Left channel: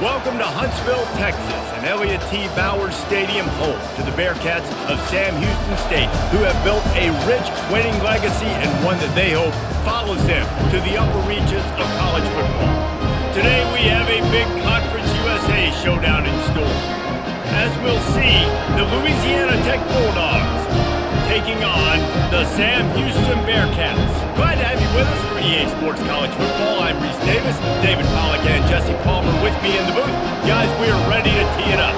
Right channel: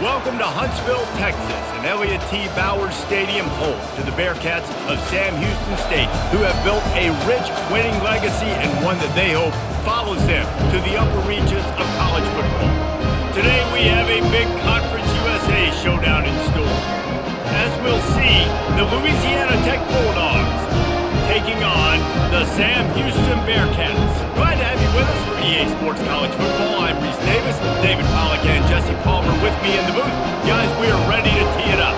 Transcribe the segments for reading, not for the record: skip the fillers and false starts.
Welcome to Huntsville, Texas, and Elliott T. Bowers Stadium, home to the Bearcats of Sam Houston State, who have built a rich winning legacy and one that they hope follows them to the upper reaches of college football. Today we have a big Conference USA showdown in store. As we'll see, the Louisiana Tech Bulldogs taking on the Sam Houston Bearcats. Glad to have you with us for EA Sports College Football. I'm Reese Davis, David Pollack and Jesse Palmer with me in the booth. Guys, we are ready to tee it up.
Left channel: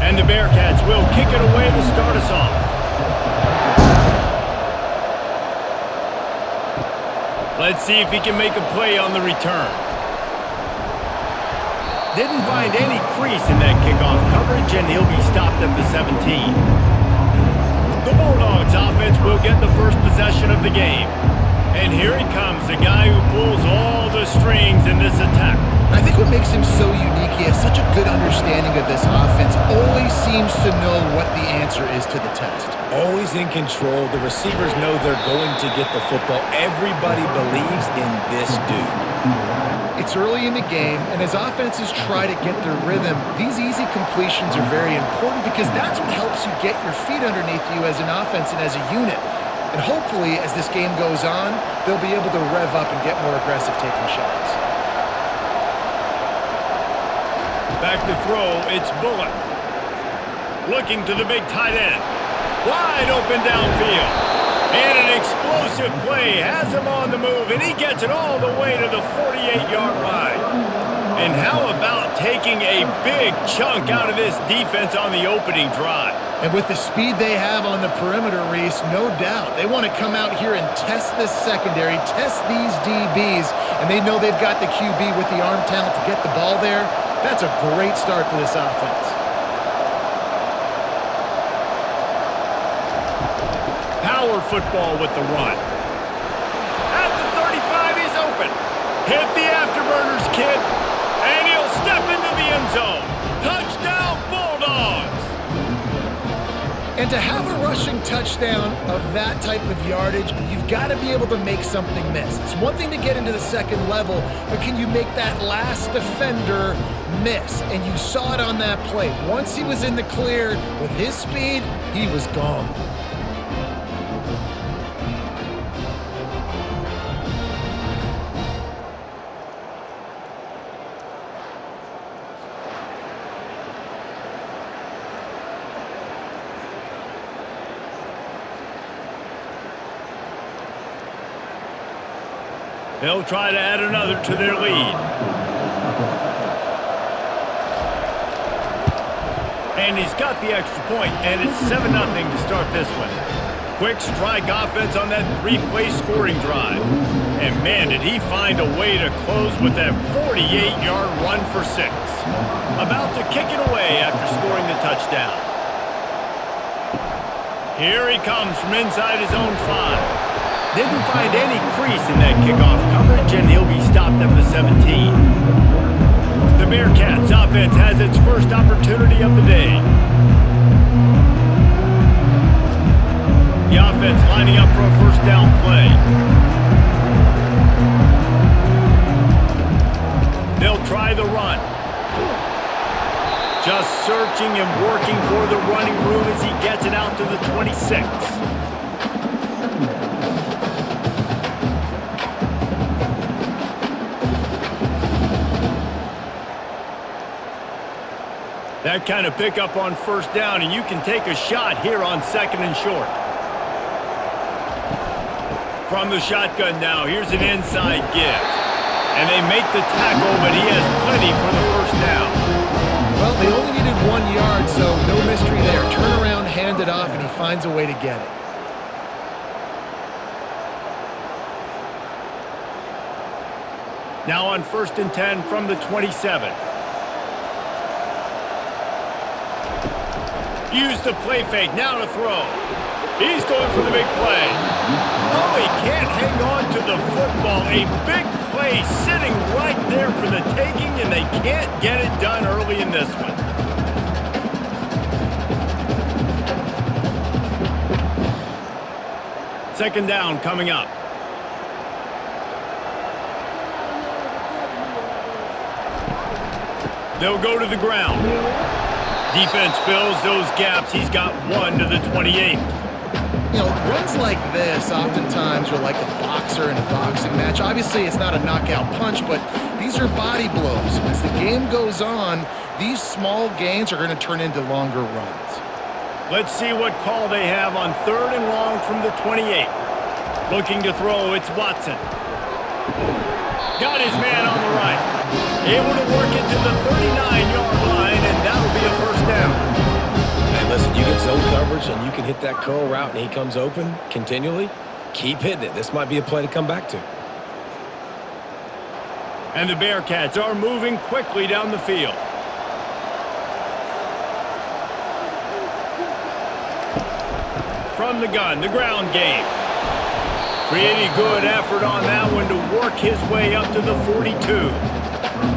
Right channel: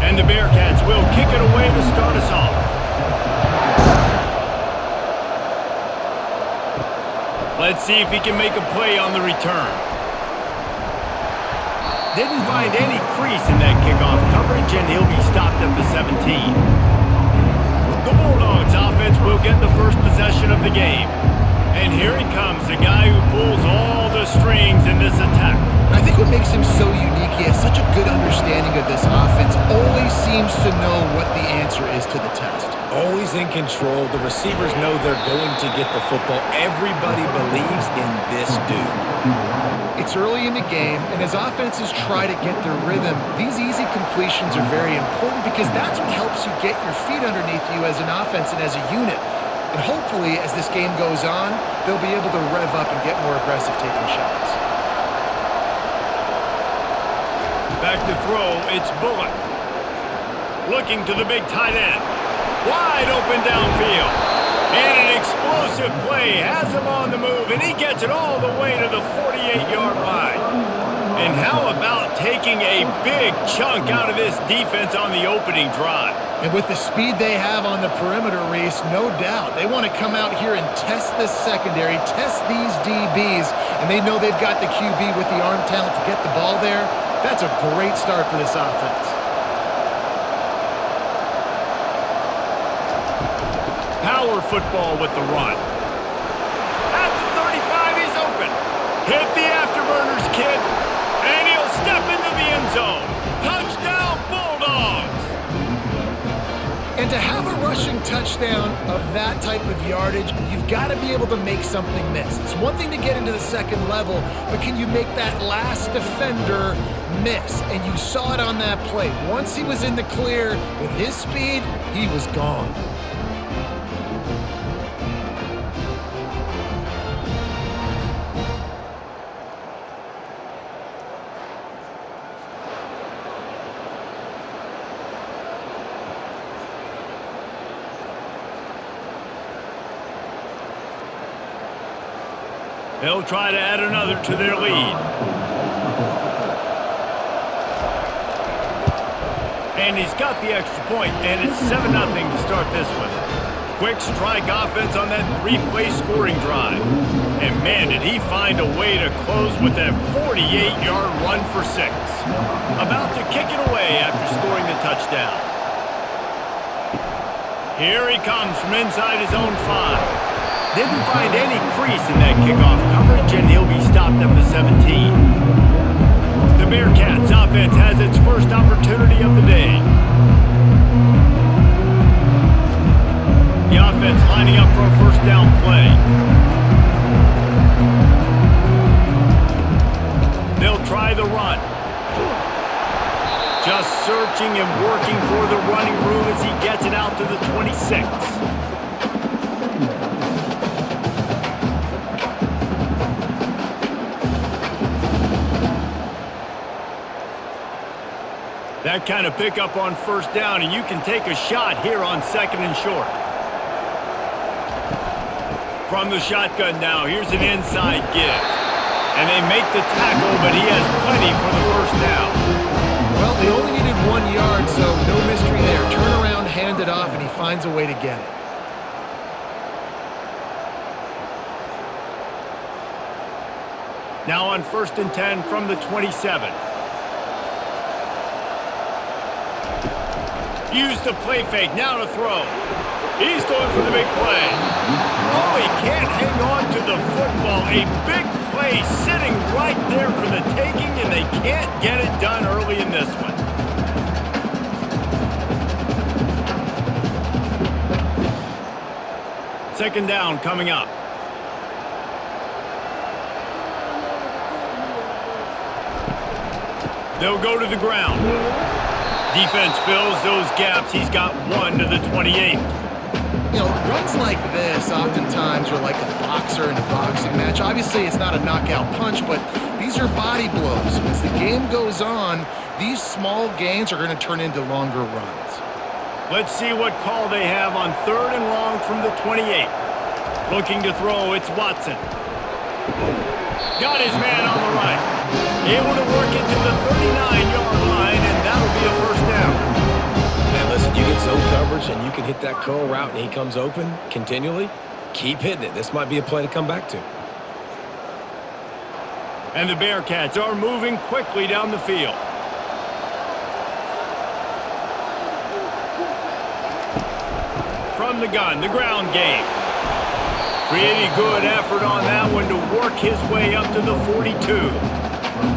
And the Bearcats will kick it away to start us off. Let's see if he can make a play on the return. Didn't find any crease in that kickoff coverage, and he'll be stopped at the 17. The Bulldogs offense will get the first possession of the game. And here he comes, the guy who pulls all the strings in this attack. I think what makes him so unique, he has such a good understanding of this offense, always seems to know what the answer is to the test. Always in control. The receivers know they're going to get the football. Everybody believes in this dude. It's early in the game, and as offenses try to get their rhythm, these easy completions are very important because that's what helps you get your feet underneath you as an offense and as a unit. And hopefully, as this game goes on, they'll be able to rev up and get more aggressive taking shots. Back to throw, it's Bullock. Looking to the big tight end. Wide open downfield. And an explosive play has him on the move, and he gets it all the way to the 48-yard line. And how about taking a big chunk out of this defense on the opening drive? And with the speed they have on the perimeter, Reese, no doubt, they want to come out here and test this secondary, test these DBs, and they know they've got the QB with the arm talent to get the ball there. That's a great start for this offense. Power football with the run. At the 35, he's open. Hit the afterburners, kid. And he'll step into the end zone. Touchdown, Bulldogs! And to have a rushing touchdown of that type of yardage, you've got to be able to make something miss. It's one thing to get into the second level, but can you make that last defender miss? And you saw it on that play. Once he was in the clear with his speed, he was gone. They'll try to add another to their lead. And he's got the extra point, and it's 7-0 to start this one. Quick strike offense on that three-play scoring drive. And man, did he find a way to close with that 48-yard run for 6. About to kick it away after scoring the touchdown. Here he comes from inside his own 5. Didn't find any crease in that kickoff coverage, and he'll be stopped at the 17. The Bearcats offense has its first opportunity of the day. The offense lining up for a first down play. They'll try the run. Just searching and working for the running room as he gets it out to the 26. That kind of pickup on first down, and you can take a shot here on 2nd and short. From the shotgun now, here's an inside give. And they make the tackle, but he has plenty for the first down. Well, they only needed 1 yard, so no mystery there. Turn around, hand it off, and he finds a way to get it. Now on 1st and 10 from the 27. Use the play fake, now to throw. He's going for the big play. Oh, he can't hang on to the football. A big play sitting right there for the taking, and they can't get it done early in this one. Second down coming up. They'll go to the ground. Defense fills those gaps. He's got 1 to the 28. You know, runs like this oftentimes are like a boxer in a boxing match. Obviously, it's not a knockout punch, but these are body blows. And as the game goes on, these small gains are going to turn into longer runs. Let's see what call they have on 3rd and long from the 28. Looking to throw, it's Watson. Got his man on the right. Able to work it to the 39-yard line, and that'll be a first down. Man, listen, you get zone coverage and you can hit that curl route and he comes open continually, keep hitting it. This might be a play to come back to. And the Bearcats are moving quickly down the field. From the gun, the ground game. Pretty good effort on that one to work his way up to the 42.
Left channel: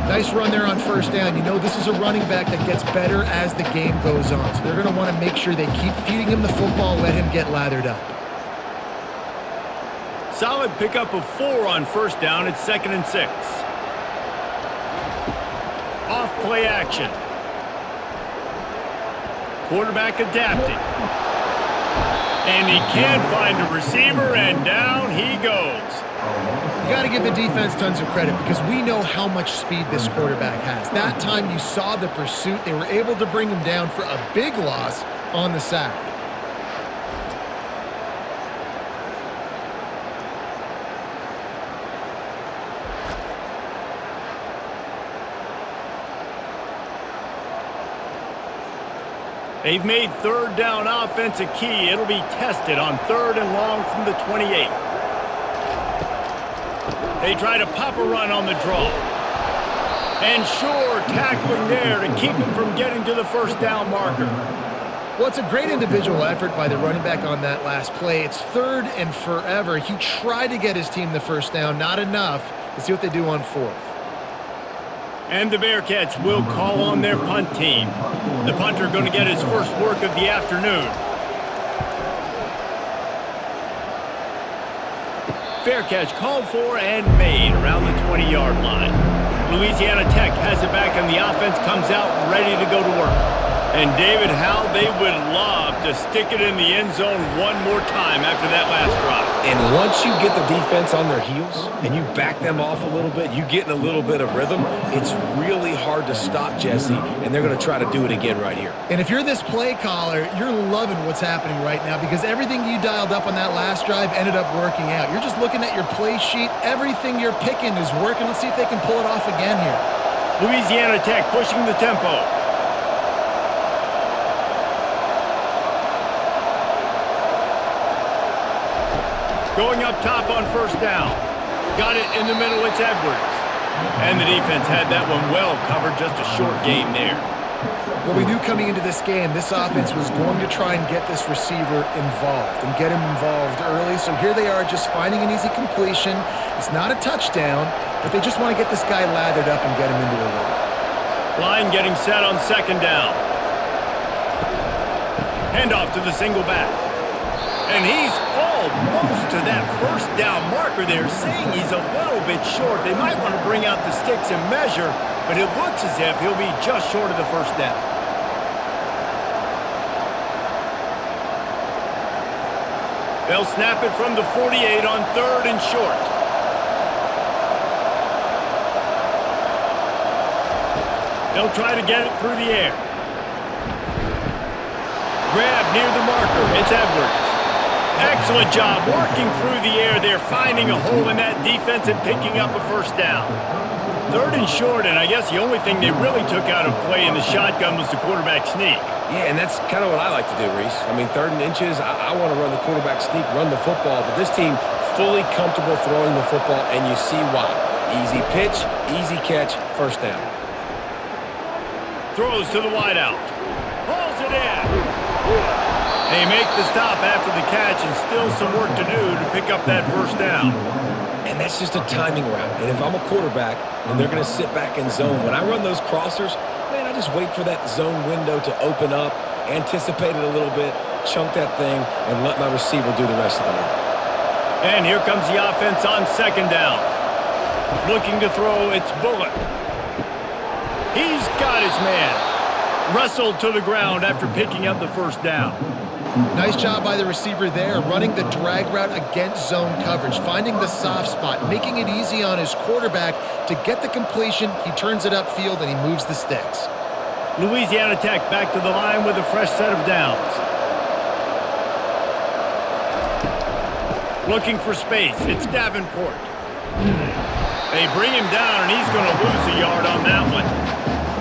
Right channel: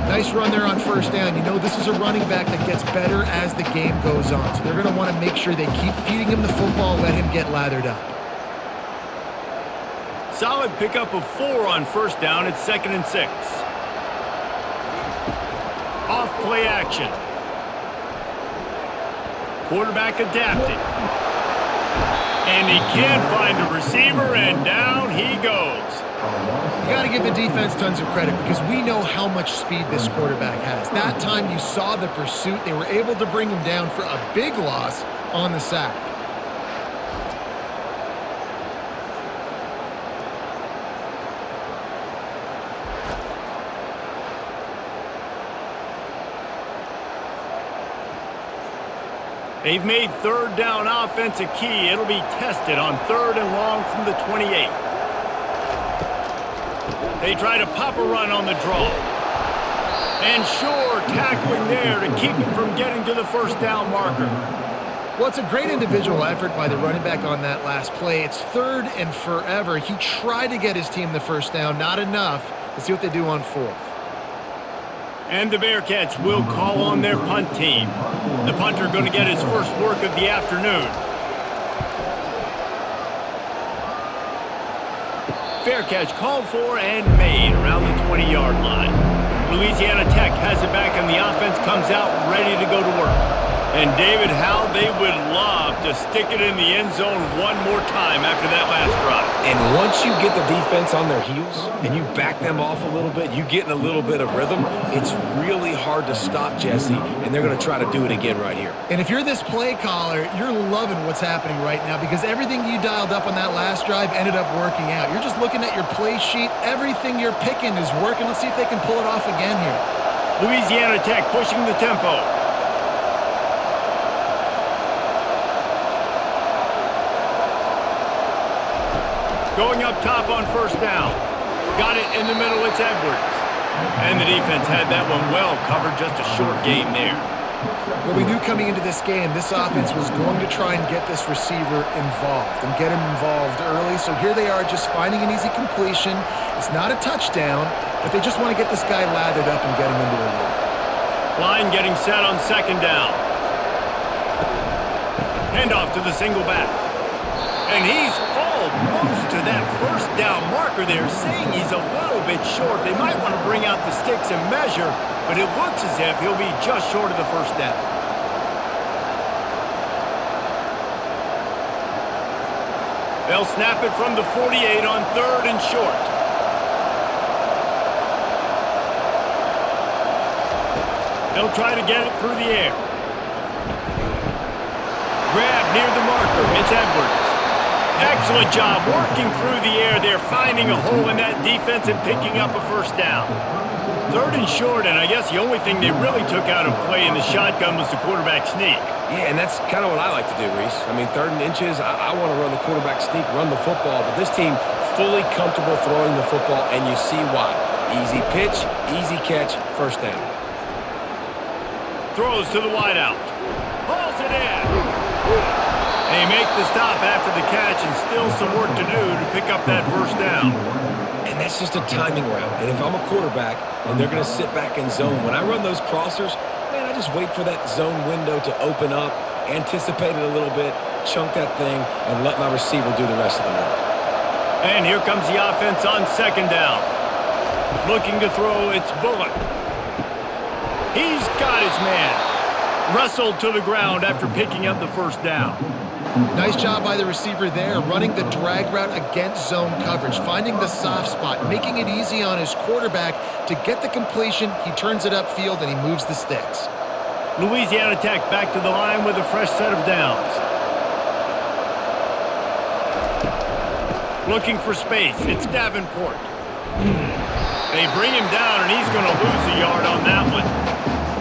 Nice run there on first down. You know this is a running back that gets better as the game goes on. So they're going to want to make sure they keep feeding him the football, let him get lathered up. Solid pickup of 4 on first down. It's 2nd and 6. Off play action. Quarterback adapting. And he can't find a receiver, and down he goes. You got to give the defense tons of credit because we know how much speed this quarterback has. That time you saw the pursuit. They were able to bring him down for a big loss on the sack. They've made 3rd down offense a key. It'll be tested on 3rd and long from the 28. They try to pop a run on the draw. And sure, tackling there to keep him from getting to the first down marker. Well, it's a great individual effort by the running back on that last play. It's 3rd and forever. He tried to get his team the first down. Not enough. Let's see what they do on 4th. And the Bearcats will call on their punt team. The punter going to get his first work of the afternoon. Fair catch called for and made around the 20-yard line. Louisiana Tech has it back and the offense comes out ready to go to work. And David, how they would love to stick it in the end zone one more time after that last drive. And once you get the defense on their heels and you back them off a little bit, you get in a little bit of rhythm, it's really hard to stop Jesse, and they're going to try to do it again right here. And if you're this play caller, you're loving what's happening right now because everything you dialed up on that last drive ended up working out. You're just looking at your play sheet. Everything you're picking is working. Let's see if they can pull it off again here. Louisiana Tech pushing the tempo. Going up top on first down. Got it in the middle, it's Edwards. And the defense had that one well covered, just a short game there. Well, we knew coming into this game, this offense was going to try and get this receiver involved and get him involved early. So here they are just finding an easy completion. It's not a touchdown, but they just want to get this guy lathered up and get him into a lead. Line getting set on 2nd down. Handoff to the single back. And he's almost to that first down marker there, saying he's a little bit short. They might want to bring out the sticks and measure, but it looks as if he'll be just short of the first down. They'll snap it from the 48 on 3rd and short. They'll try to get it through the air. Grab near the marker. It's Edwards. Excellent job working through the air there, finding a hole in that defense and picking up a first down. 3rd and short, and I guess the only thing they really took out of play in the shotgun was the quarterback sneak. Yeah, and that's kind of what I like to do, Reese. I mean, 3rd and inches, I want to run the quarterback sneak, run the football, but this team fully comfortable throwing the football, and you see why. Easy pitch, easy catch, first down. Throws to the wideout. Hauls it in. They make the stop after the catch and still some work to do to pick up that first down. And that's just a timing route. And if I'm a quarterback and they're going to sit back in zone, when I run those crossers, man, I just wait for that zone window to open up, anticipate it a little bit, chunk that thing, and let my receiver do the rest of the work. And here comes the offense on 2nd down. Looking to throw, it's Bullock. He's got his man. Wrestled to the ground after picking up the first down. Nice job by the receiver there, running the drag route against zone coverage, finding the soft spot, making it easy on his quarterback to get the completion. He turns it upfield and he moves the sticks. Louisiana Tech back to the line with a fresh set of downs. Looking for space. It's Davenport. They bring him down, and he's going to lose a yard on that one.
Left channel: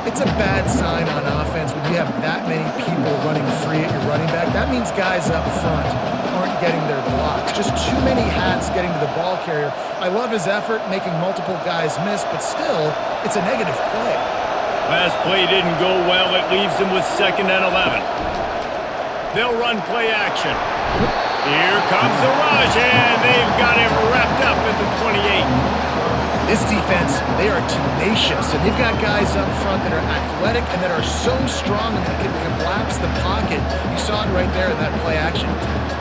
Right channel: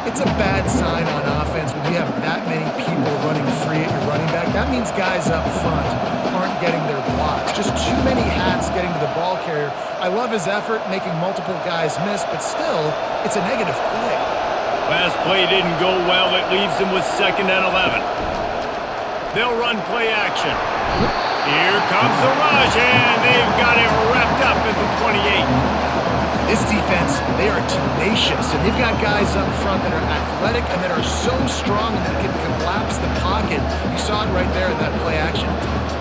It's a bad sign on offense when you have that many people running free at your running back. That means guys up front aren't getting their blocks. Just too many hats getting to the ball carrier. I love his effort, making multiple guys miss, but still, it's a negative play. Last play didn't go well. It leaves him with 2nd and 11. They'll run play action. Here comes the rush, and they've got him wrapped up at the 28. This defense, they are tenacious, and they've got guys up front that are athletic and that are so strong and that can collapse the pocket. You saw it right there in that play action attempt.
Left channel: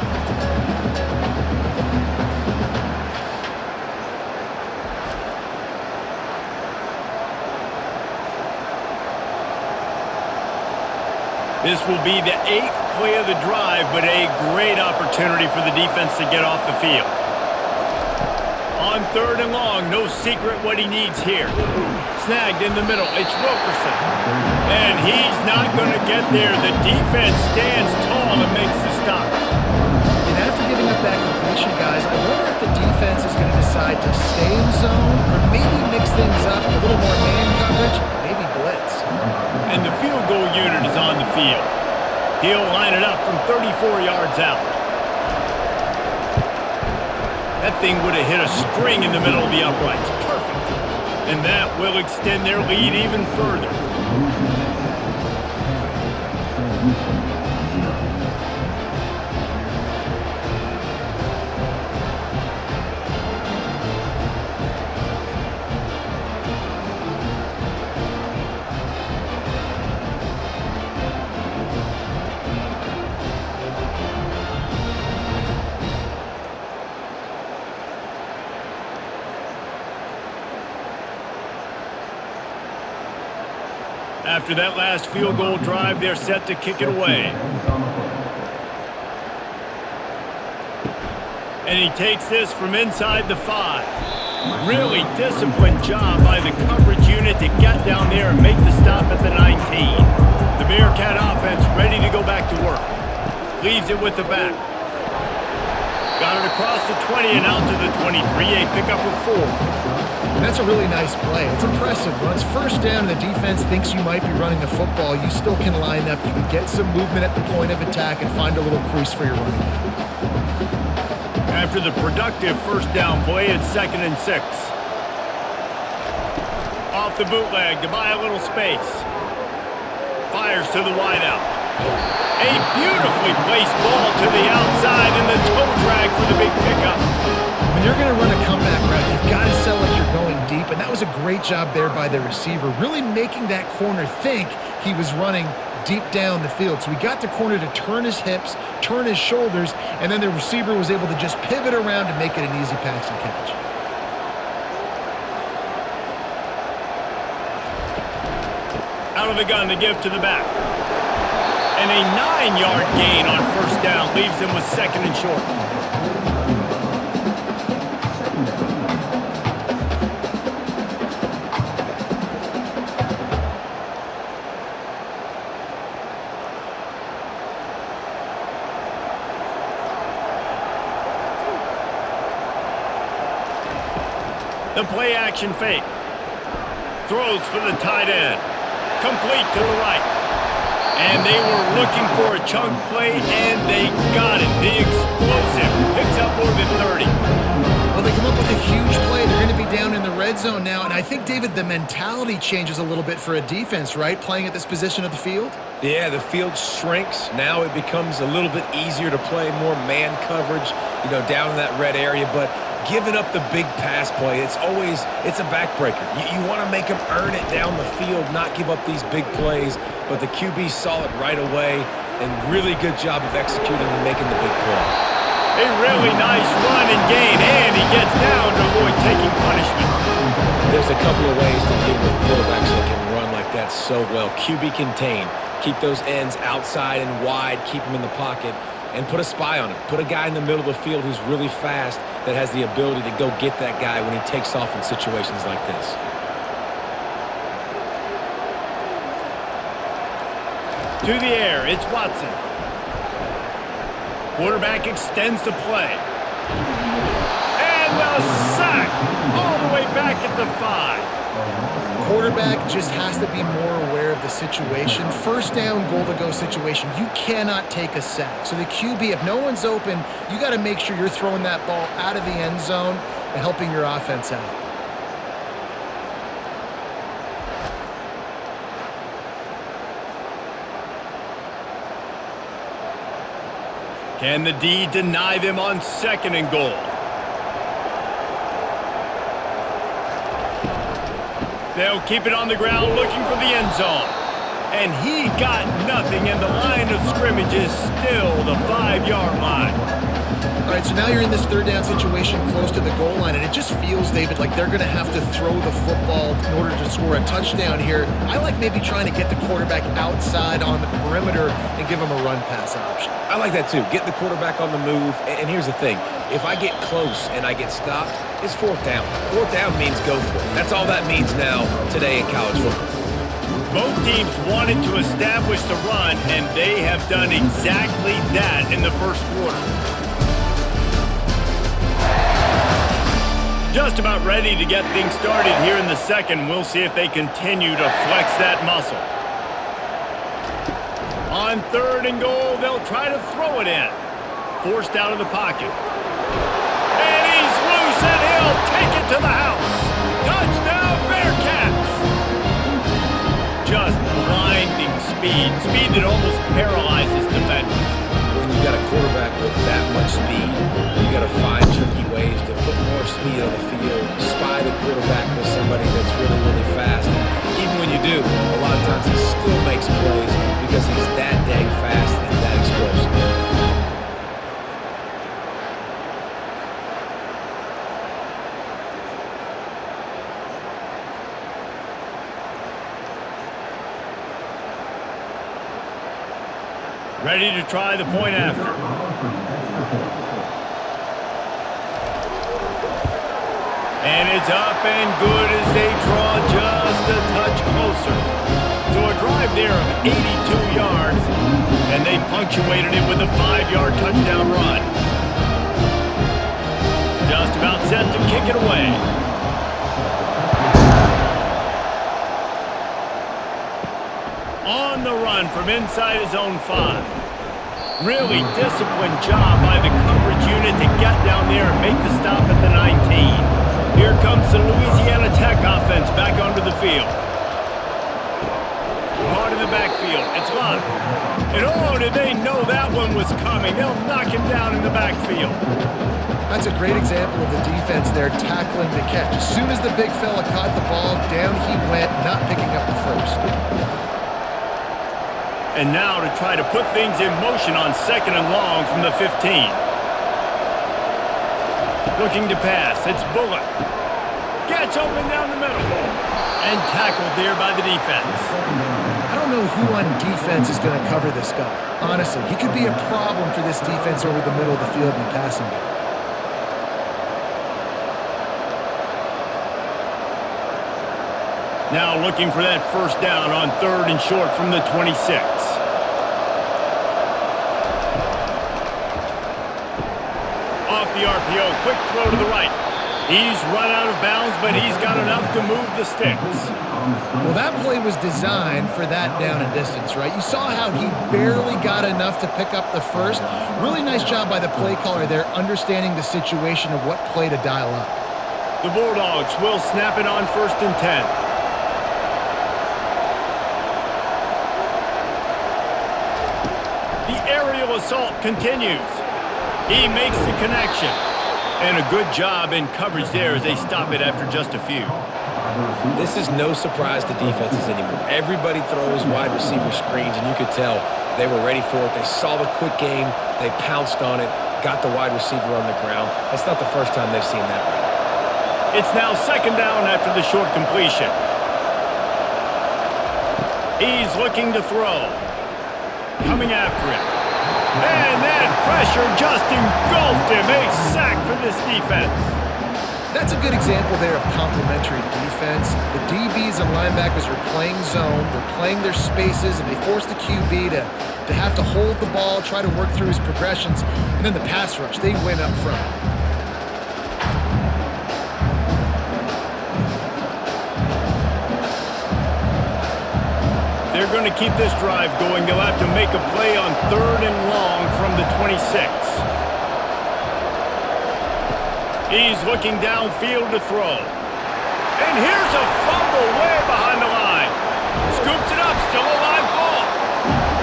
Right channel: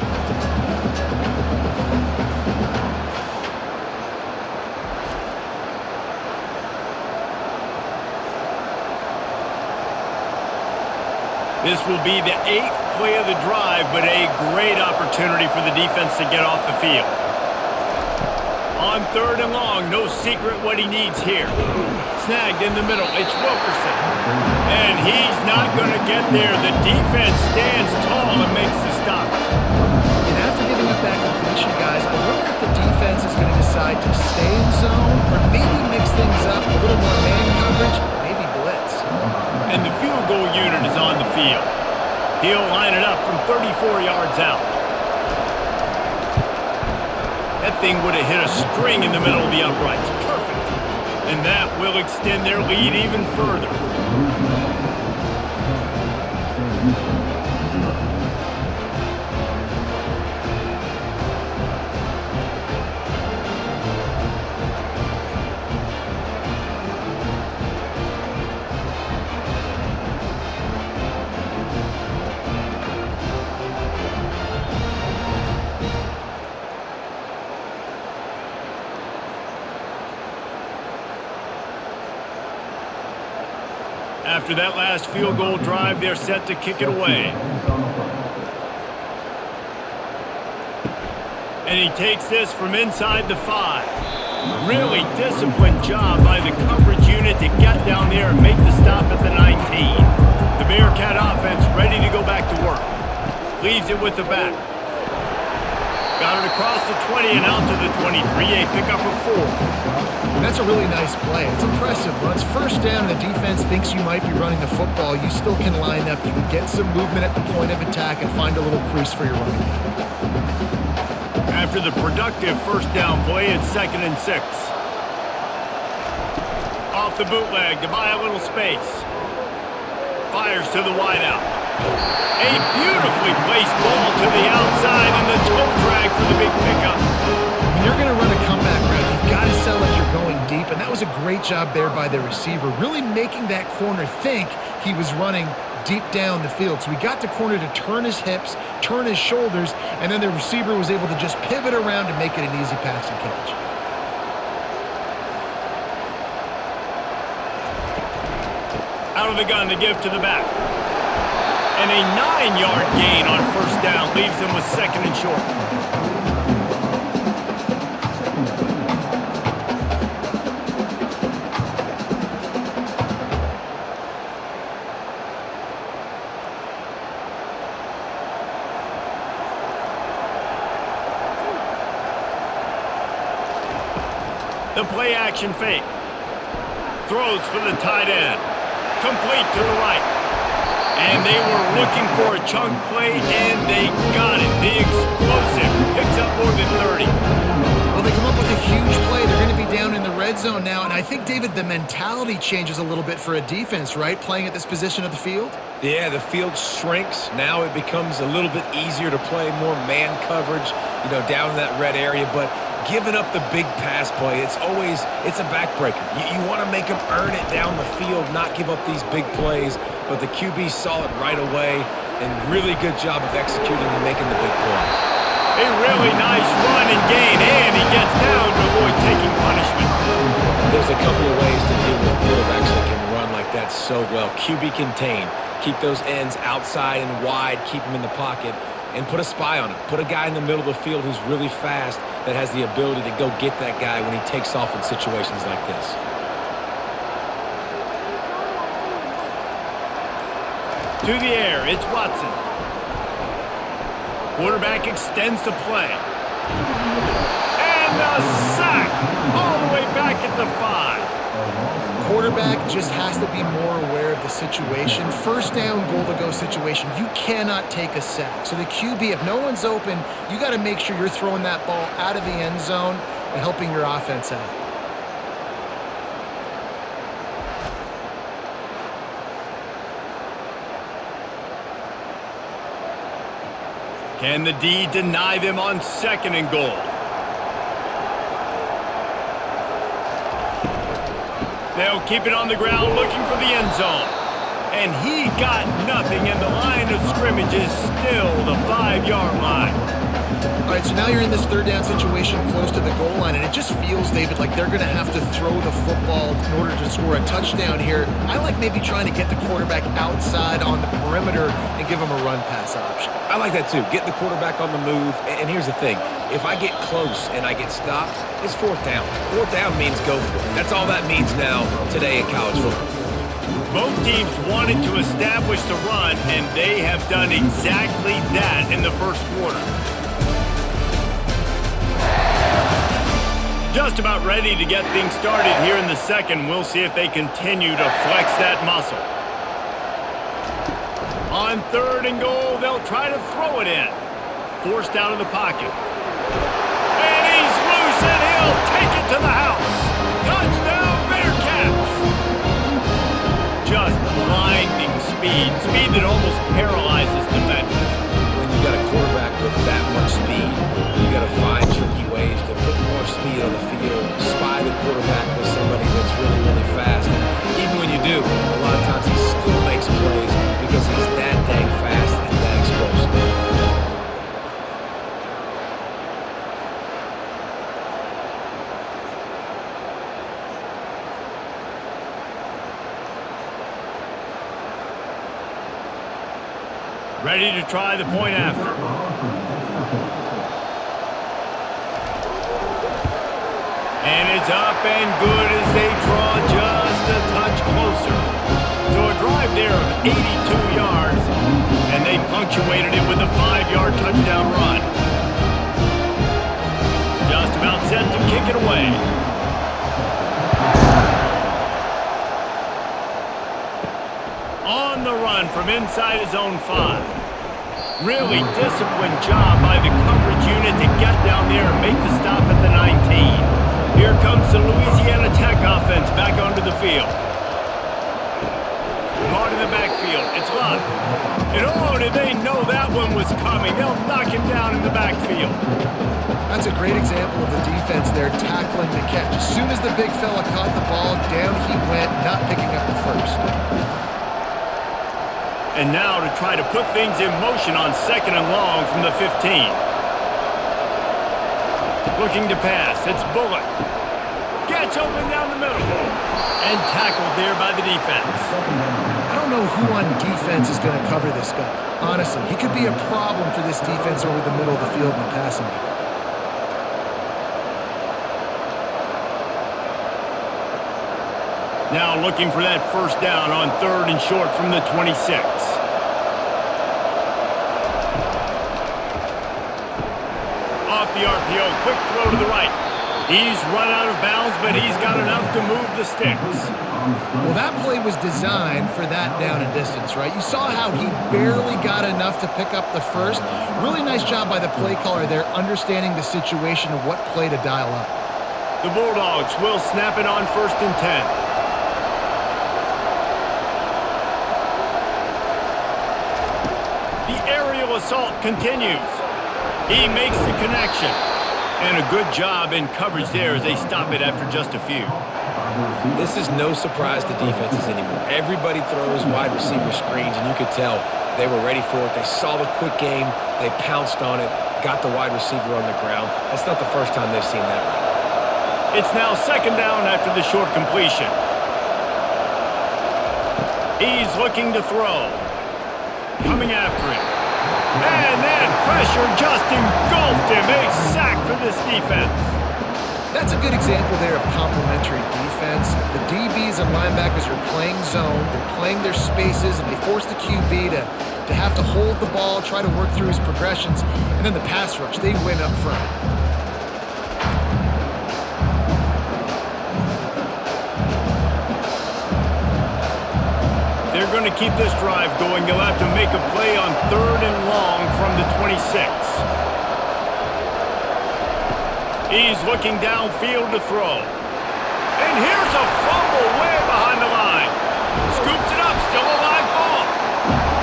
This will be the 8th play of the drive, but a great opportunity for the defense to get off the field. On 3rd and long, no secret what he needs here. Snagged in the middle, it's Wilkerson. And he's not going to get there. The defense stands tall and makes the stop. And after giving up that completion, guys, I wonder if the defense is going to decide to stay in zone or maybe mix things up, a little more man coverage, maybe blitz. And the field goal unit is on the field. He'll line it up from 34 yards out. That thing would have hit a string in the middle of the uprights. Perfect. And that will extend their lead even further. After that last field goal drive, they're set to kick it away. And he takes this from inside the 5. Really disciplined job by the coverage unit to get down there and make the stop at the 19. The Bearcat offense ready to go back to work. Leaves it with the back. Got it across the 20 and out to the 23, a pickup of 4. And that's a really nice play. It's impressive. When it's 1st down and the defense thinks you might be running the football, you still can line up. You can get some movement at the point of attack and find a little crease for your running back. After the productive 1st down play, it's 2nd and 6. Off the bootleg to buy a little space. Fires to the wideout. A beautifully placed ball to the outside and the toe drag for the big pickup. When you're going to run a comeback route, you've got to sell like you're going deep, and that was a great job there by the receiver, really making that corner think he was running deep down the field. So we got the corner to turn his hips, turn his shoulders, and then the receiver was able to just pivot around and make it an easy pass and catch. Out of the gun to give to the back. And a 9-yard gain on 1st down leaves him with 2nd and short. The play action fake. Throws for the tight end. Complete to the right. And they were looking for a chunk play, and they got it. The explosive picks up more than 30. Well, they come up with a huge play. They're going to be down in the red zone now. And I think, David, the mentality changes a little bit for a defense, right? Playing at this position of the field? Yeah, the field shrinks. Now it becomes a little bit easier to play more man coverage, down in that red area. But giving up the big pass play, it's a backbreaker. You want to make them earn it down the field, not give up these big plays. But the QB saw it right away, and really good job of executing and making the big play. A really nice run and gain, and he gets down to avoid taking punishment. There's a couple of ways to deal with quarterbacks that can run like that so well. QB contain. Keep those ends outside and wide. Keep them in the pocket. And put a spy on him. Put a guy in the middle of the field who's really fast that has the ability to go get that guy when he takes off in situations like this. To the air, it's Watson. Quarterback extends the play. And the sack all the way back at the 5. Quarterback just has to be more aware of the situation. First down, goal-to-go situation. You cannot take a sack. So the QB, if no one's open, you got to make sure you're throwing that ball out of the end zone and helping your offense out. Can the D deny them on 2nd and goal? They'll keep it on the ground looking for the end zone. And he got nothing, and the line of scrimmage is still the 5-yard line. All right, so now you're in this 3rd down situation close to the goal line, and it just feels, David, like they're going to have to throw the football in order to score a touchdown here. I like maybe trying to get the quarterback outside on the perimeter and give him a run-pass option. I like that too. Get the quarterback on the move. And here's the thing. If I get close and I get stopped, it's 4th down. 4th down means go for it. That's all that means now today in college football. Both teams wanted to establish the run, and they have done exactly that in the first quarter. Just about ready to get things started here in the second. We'll see if they continue to flex that muscle. On 3rd and goal, they'll try to throw it in. Forced out of the pocket. And he's loose, and he'll take it to the house. Touchdown, Bearcats! Just blinding speed. Speed that almost paralyzes defenders. When you got a quarterback with that much speed, you got to find tricky ways to put more speed on the field, spy the quarterback with somebody that's really, really fast. And even when you do, a lot of times he still makes plays because he's that dang fast and that explosive. Ready to try the point after. And it's up and good as they draw just a touch closer. So a drive there of 82 yards, and they punctuated it with a 5-yard touchdown run. Just about set to kick it away. On the run from inside his own 5. Really disciplined job by the coverage unit to get down there and make the stop at the 19. Here comes the Louisiana Tech offense back onto the field. Caught in the backfield. It's Lund. And oh, did they know that one was coming? They'll knock him down in the backfield. That's a great example of the defense there tackling the catch. As soon as the big fella caught the ball, down he went, not picking up the first. And now to try to put things in motion on 2nd and long from the 15. Looking to pass. It's Bullock. Gets open down the middle. And tackled there by the defense. I don't know who on defense is going to cover this guy. Honestly, he could be a problem for this defense over the middle of the field in the passing game. Now looking for that 1st down on 3rd and short from the 26. Off the RPO, quick throw to the right. He's run out of bounds, but he's got enough to move the sticks. Well, that play was designed for that down and distance, right? You saw how he barely got enough to pick up the first. Really nice job by the play caller there, understanding the situation of what play to dial up. The Bulldogs will snap it on 1st and 10. The aerial assault continues. He makes the connection. And a good job in coverage there as they stop it after just a few. This is no surprise to defenses anymore. Everybody throws wide receiver screens, and you could tell they were ready for it. They saw the quick game. They pounced on it, got the wide receiver on the ground. That's not the first time they've seen that route. It's now second down after the short completion. He's looking to throw. Coming after him. And that pressure just engulfed him. A sack for this defense. That's a good example there of complementary defense. The DBs and linebackers are playing zone, they're playing their spaces, and they force the QB to have to hold the ball, try to work through his progressions, and then the pass rush, they win up front. They're going to keep this drive going. They'll have to make a play on 3rd and long from the 26. He's looking downfield to throw. And here's a fumble way behind the line. Scoops it up, still a live ball.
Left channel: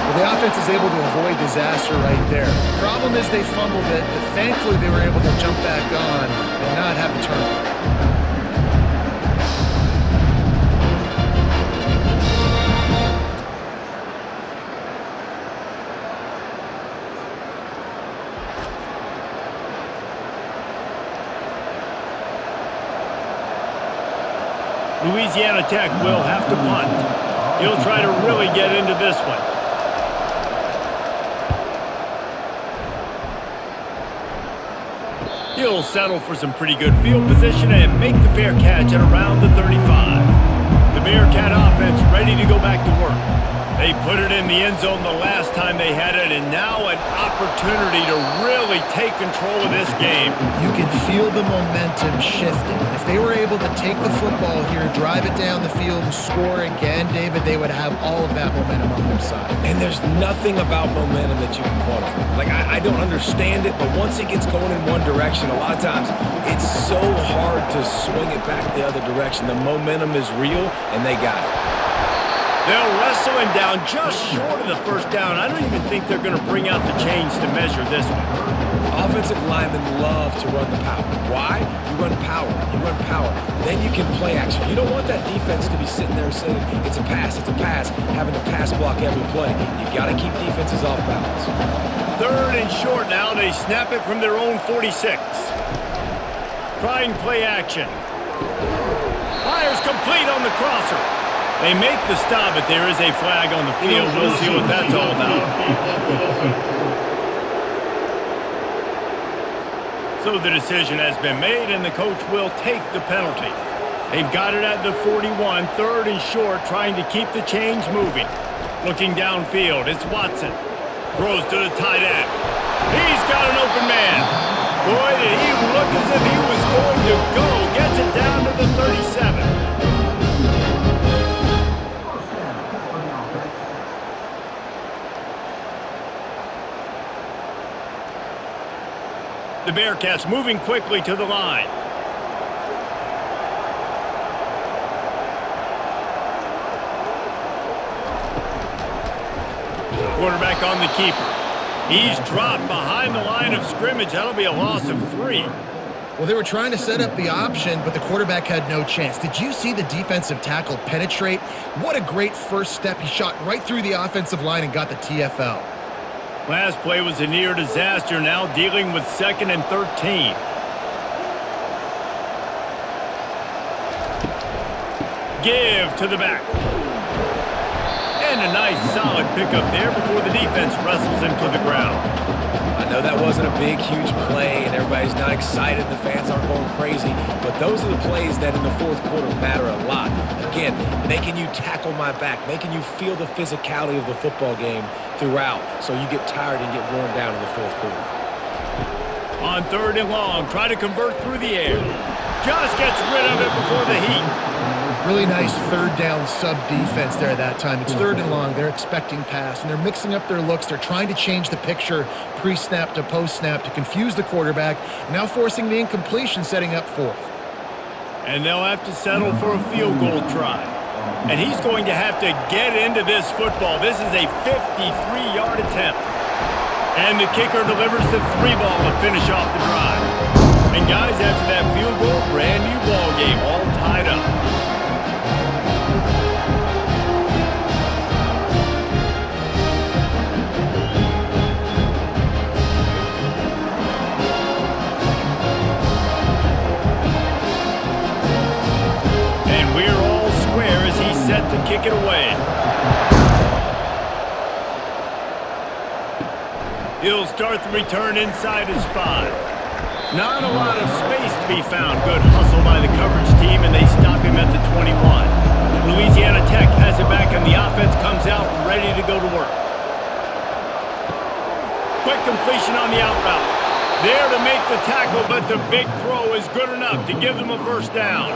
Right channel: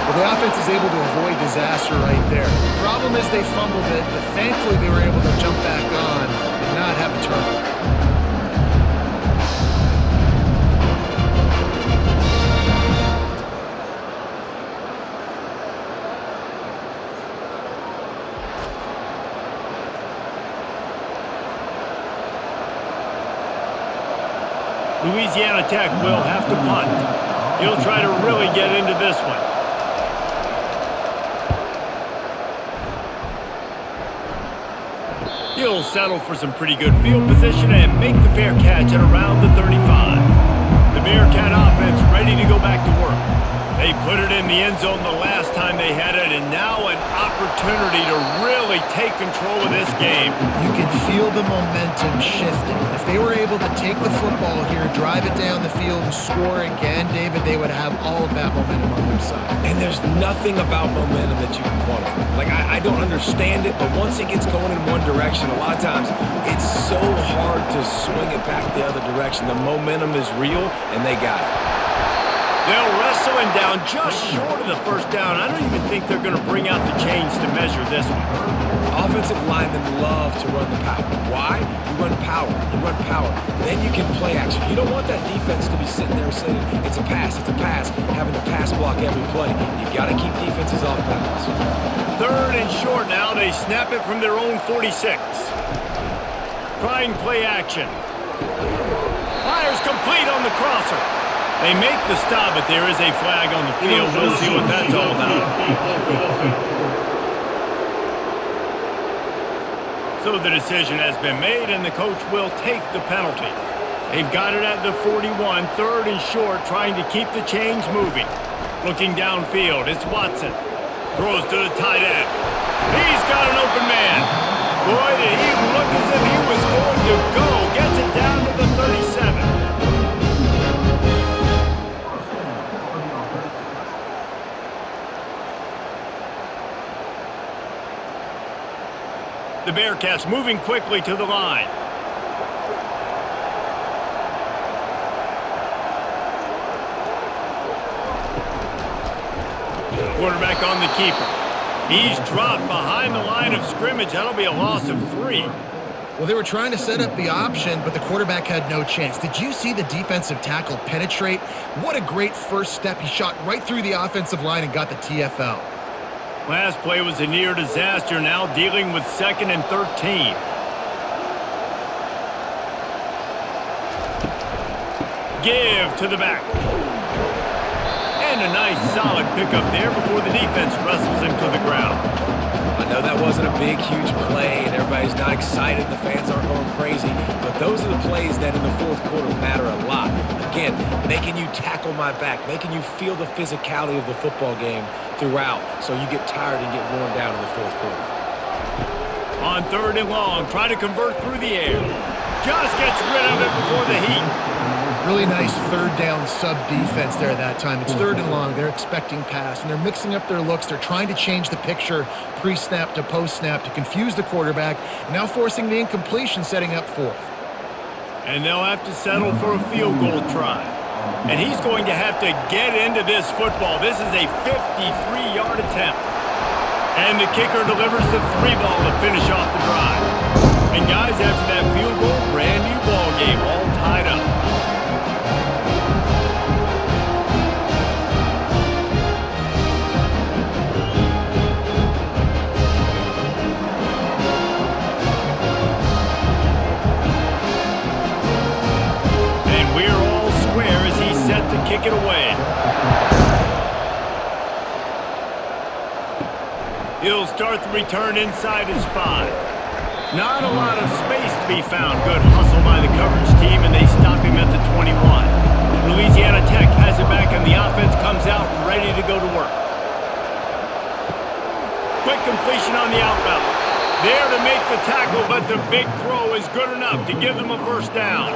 Well, the offense is able to avoid disaster right there. The problem is they fumbled it, but thankfully they were able to jump back on and not have a turnover. Louisiana Tech will have to punt. He'll try to really get into this one. He'll settle for some pretty good field position and make the fair catch at around the 35. The Bearcat offense ready to go back to work. They put it in the end zone the last time they had it, and now an opportunity to really take control of this game. You can feel the momentum shifting. If they were able to take the football here, drive it down the field, and score again, David, they would have all of that momentum on their side. And there's nothing about momentum that you can quantify. Like, I don't understand it, but once it gets going in one direction, a lot of times it's so hard to swing it back the other direction. The momentum is real, and they got it. They'll wrestle him down just short of the first down. I don't even think they're going to bring out the chains to measure this one. Offensive linemen love to run the power. Why? You run power. You run power. Then you can play action. You don't want that defense to be sitting there saying, it's a pass, having to pass block every play. You got to keep defenses off balance. 3rd and short now. They snap it from their own 46. Trying play action. Fires complete on the crosser. They make the stop, but there is a flag on the field. We'll see what that's all about. So the decision has been made, and the coach will take the penalty. They've got it at the 41, 3rd and short, trying to keep the chains moving. Looking downfield, it's Watson. Throws to the tight end. He's got an open man. Boy, did he look as if he was going to go. Gets it down to the 37. The Bearcats moving quickly to the line. Quarterback on the keeper. He's dropped behind the line of scrimmage. That'll be a loss of 3. Well, they were trying to set up the option, but the quarterback had no chance. Did you see the defensive tackle penetrate? What a great first step. He shot right through the offensive line and got the TFL. Last play was a near disaster, now dealing with 2nd and 13. Give to the back. And a nice solid pickup there before the defense wrestles him to the ground. I know that wasn't a big, huge play, and everybody's not excited, the fans aren't going crazy, but those are the plays that in the 4th quarter matter a lot. Again, making you tackle my back, making you feel the physicality of the football game throughout, so you get tired and get worn down in the 4th quarter. On 3rd and long, try to convert through the air. Just gets rid of it before the heat. Really nice 3rd down sub defense there at that time. It's 3rd and long. They're expecting pass, and they're mixing up their looks. They're trying to change the picture pre-snap to post-snap to confuse the quarterback, and now forcing the incompletion, setting up 4th. And they'll have to settle for a field goal try. And he's going to have to get into this football. This is a 53-yard attempt. And the kicker delivers the 3 ball to finish off the drive. And guys, after that field goal, brand new ball game, all tied up. set to kick it away. He'll start the return inside his 5. Not a lot of space to be found. Good hustle by the coverage team, and they stop him at the 21. Louisiana Tech has it back, and the offense comes out ready to go to work. Quick completion on the out route. There to make the tackle, but the big throw is good enough to give them a first down.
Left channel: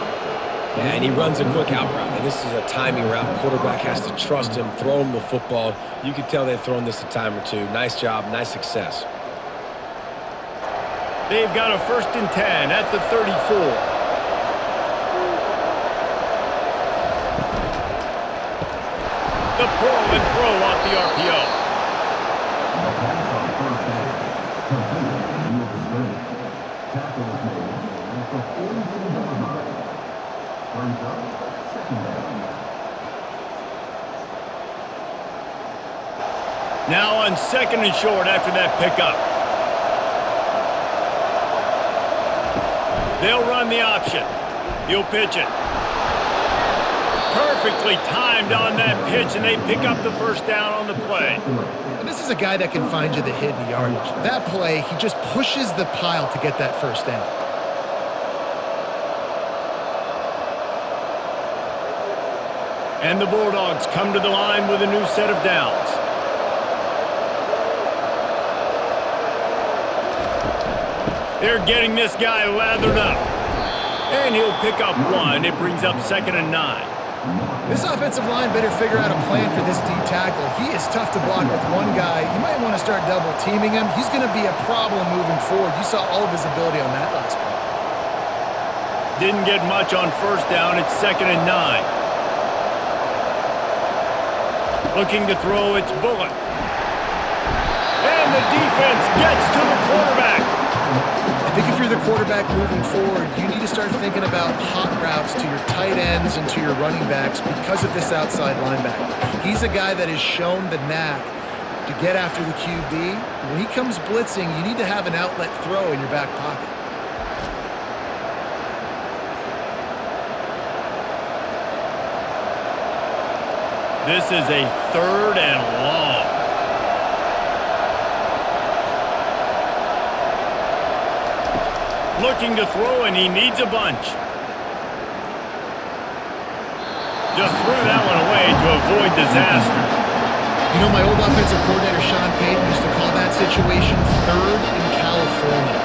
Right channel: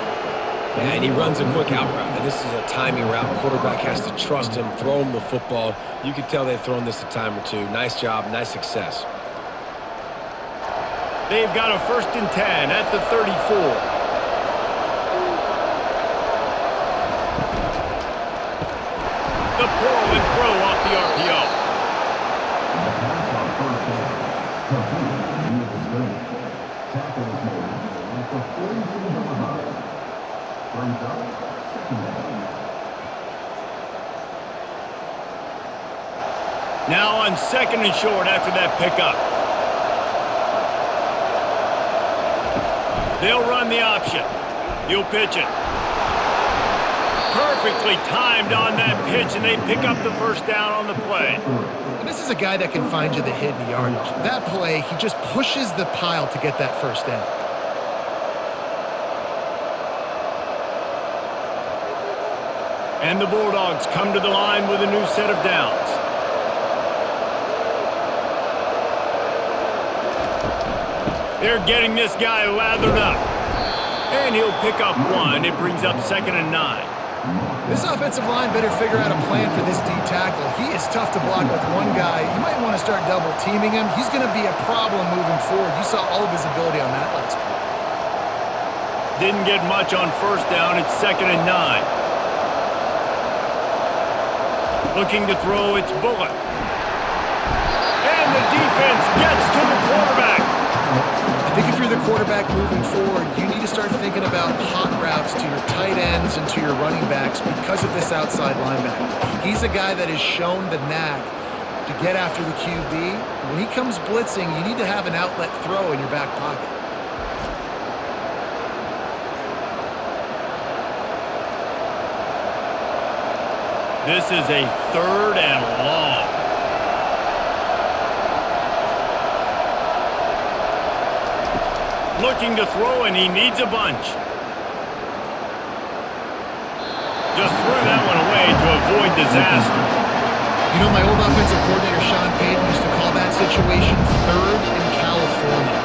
Yeah, and he runs a quick out route, and this is a timing route. Quarterback has to trust him, throw him the football. You can tell they've thrown this a time or two. Nice job, nice success. They've got a 1st and 10 at the 34. The pull and throw off the RPO. The pass on 1st down. Completely near the screen. Tackle is made at the 42-yard line. Brings up 2nd down. Now on 2nd and short after that pickup. They'll run the option. He'll pitch it. Perfectly timed on that pitch, and they pick up the first down on the play. And this is a guy that can find you the hidden yardage. That play, he just pushes the pile to get that first down. And the Bulldogs come to the line with a new set of downs. They're getting this guy lathered up. And he'll pick up 1. It brings up 2nd and 9. This offensive line better figure out a plan for this D tackle. He is tough to block with one guy. You might want to start double teaming him. He's going to be a problem moving forward. You saw all of his ability on that last play. Didn't get much on 1st down. It's 2nd and 9. Looking to throw, it's Bullock. And the defense gets to the quarterback. I think if you're the quarterback moving forward, you need to start thinking about hot routes to your tight ends and to your running backs because of this outside linebacker. He's a guy that has shown the knack to get after the QB. When he comes blitzing, you need to have an outlet throw in your back pocket. This is a 3rd and long. Looking to throw, and he needs a bunch. Just threw that one away to avoid disaster. You know, my old offensive coordinator, Sean Payton, used to call that situation 3rd in California.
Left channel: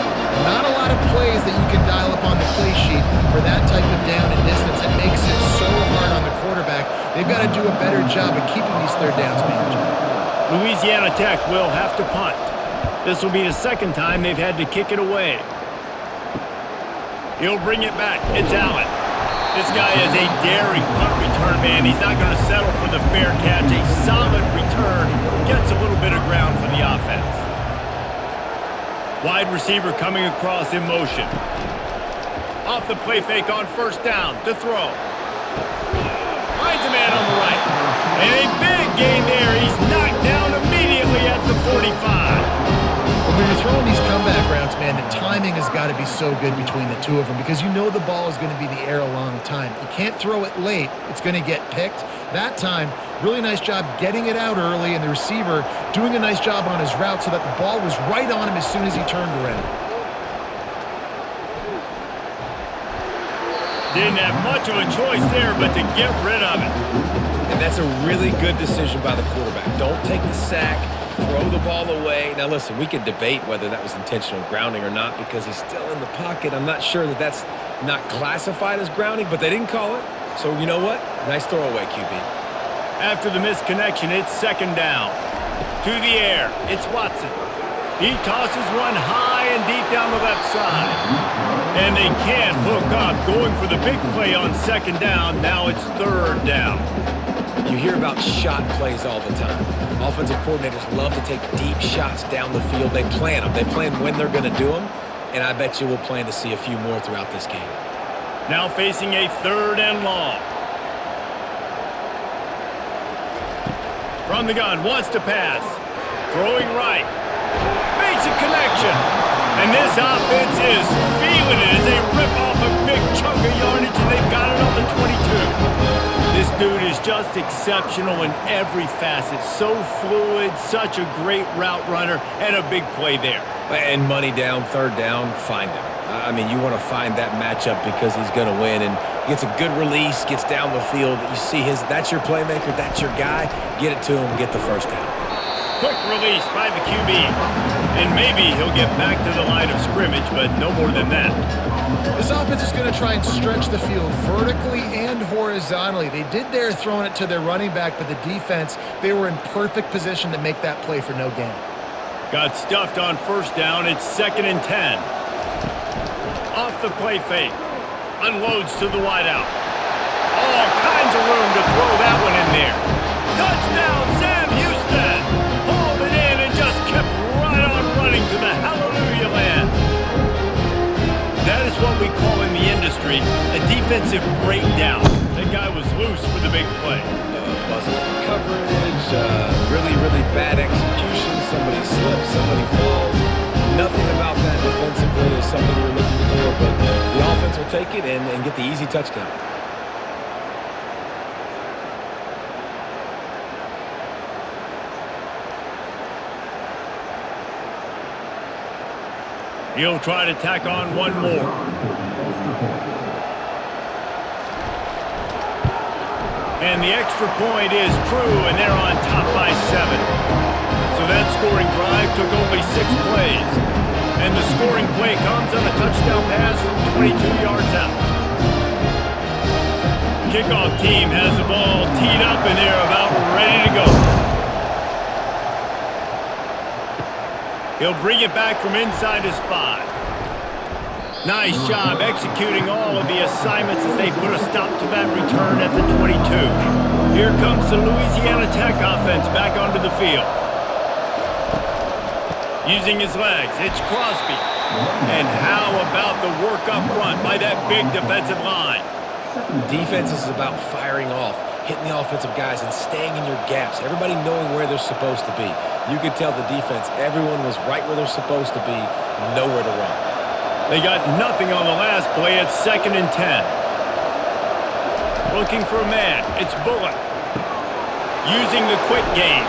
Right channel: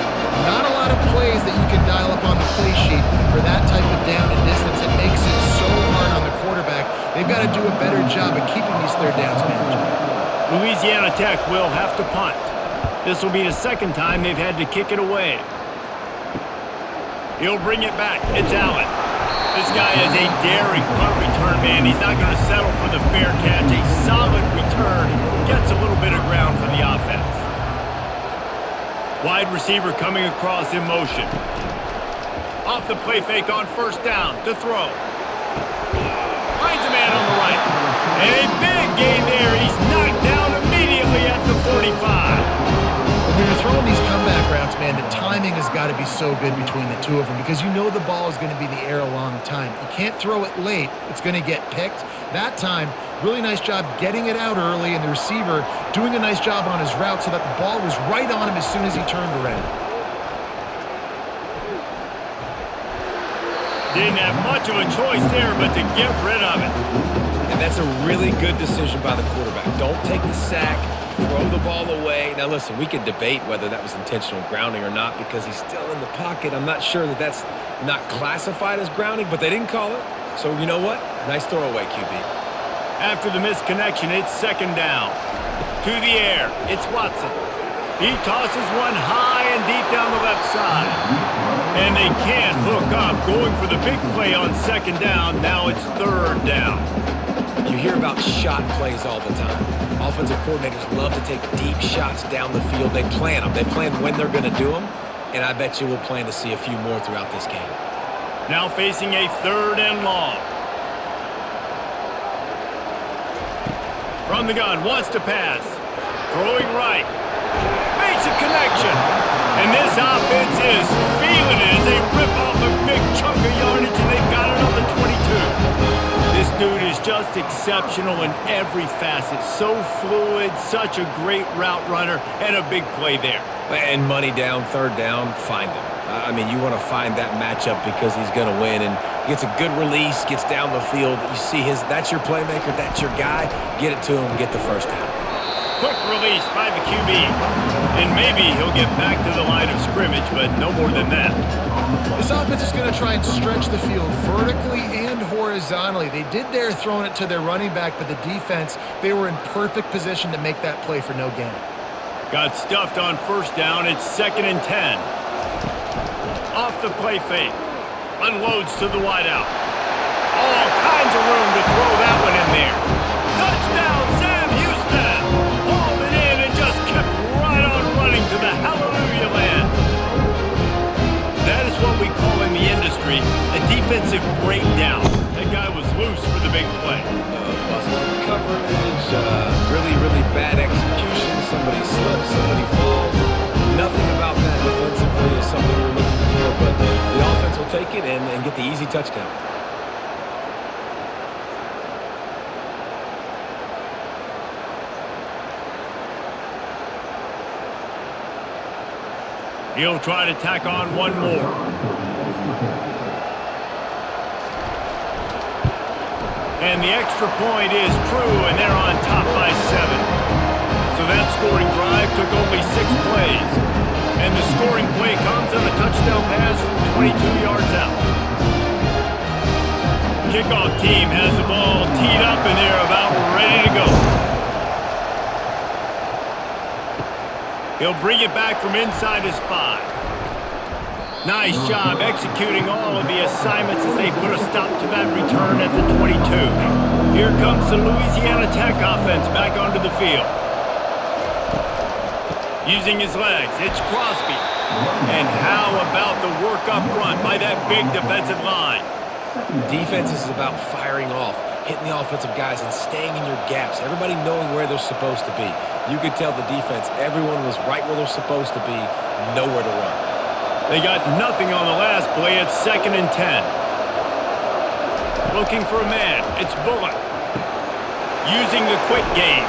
Not a lot of plays that you can dial up on the play sheet for that type of down and distance. It makes it so hard on the quarterback. They've got to do a better job of keeping these 3rd downs managed. Louisiana Tech will have to punt. This will be the 2nd time they've had to kick it away. He'll bring it back. It's Allen. This guy is a daring punt return man. He's not going to settle for the fair catch. A solid return. Gets a little bit of ground for the offense. Wide receiver coming across in motion. Off the play fake on 1st down to throw. Finds a man on the right. And a big gain there. He's knocked down immediately at the 45. When you're throwing these comeback routes, man, the timing has got to be so good between the two of them because you know the ball is going to be in the air a long time. You can't throw it late. It's going to get picked. That time, really nice job getting it out early, and the receiver doing a nice job on his route so that the ball was right on him as soon as he turned around. Didn't have much of a choice there but to get rid of it. And that's a really good decision by the quarterback. Don't take the sack. Throw the ball away. Now, listen, we can debate whether that was intentional grounding or not because he's still in the pocket. I'm not sure that that's not classified as grounding, but they didn't call it. So, you know what? Nice throwaway, QB. After the misconnection, it's 2nd down. To the air, it's Watson. He tosses one high and deep down the left side. And they can't hook up, going for the big play on 2nd down. Now it's 3rd down. You hear about shot plays all the time. Offensive coordinators love to take deep shots down the field. They plan them. They plan when they're going to do them, and I bet you we'll plan to see a few more throughout this game. Now facing a 3rd and long. From the gun, wants to pass. Throwing right. Makes a connection. And this offense is feeling it as they rip off a big chunk of yardage, and they've got it on the 22. This dude is just exceptional in every facet. So fluid, such a great route runner, and a big play there. And money down, third down, find him. I mean, you want to find that matchup because he's going to win, and gets a good release, gets down the field. You see that's your playmaker, that's your guy. Get it to him, get the first down. Quick release by the QB. And maybe he'll get back to the line of scrimmage, but no more than that. This offense is going to try and stretch the field vertically and horizontally. They did there throwing it to their running back, but the defense, they were in perfect position to make that play for no gain. Got stuffed on first down. It's 2nd and 10. Off the play fake. Unloads to the wideout. All kinds of room to throw that one in there. Touchdown, Sam Houston! Hauled it in and just kept right on running to the hallelujah land. That is what we call in the industry a defensive breakdown. That guy was loose for the big play. Busted coverage, really, really bad execution. Somebody slips, somebody falls. Nothing about that defensively is something you're looking for, but the offense will take it and get the easy touchdown. He'll try to tack on one more. And the extra point is true, and they're on top by 7. So that scoring drive took only 6 plays. And the scoring play comes on a touchdown pass from 22 yards out. Kickoff team has the ball teed up, and they're about ready to go. He'll bring it back from inside his 5. Nice job executing all of the assignments as they put a stop to that return at the 22. Here comes the Louisiana Tech offense back onto the field. Using his legs, it's Crosby. And how about the work up front by that big defensive line? Defense is about firing off, hitting the offensive guys, and staying in your gaps. Everybody knowing where they're supposed to be. You could tell the defense, everyone was right where they're supposed to be, nowhere to run. They got nothing on the last play. It's 2nd and 10. Looking for a man. It's Bullock. Using the quick game.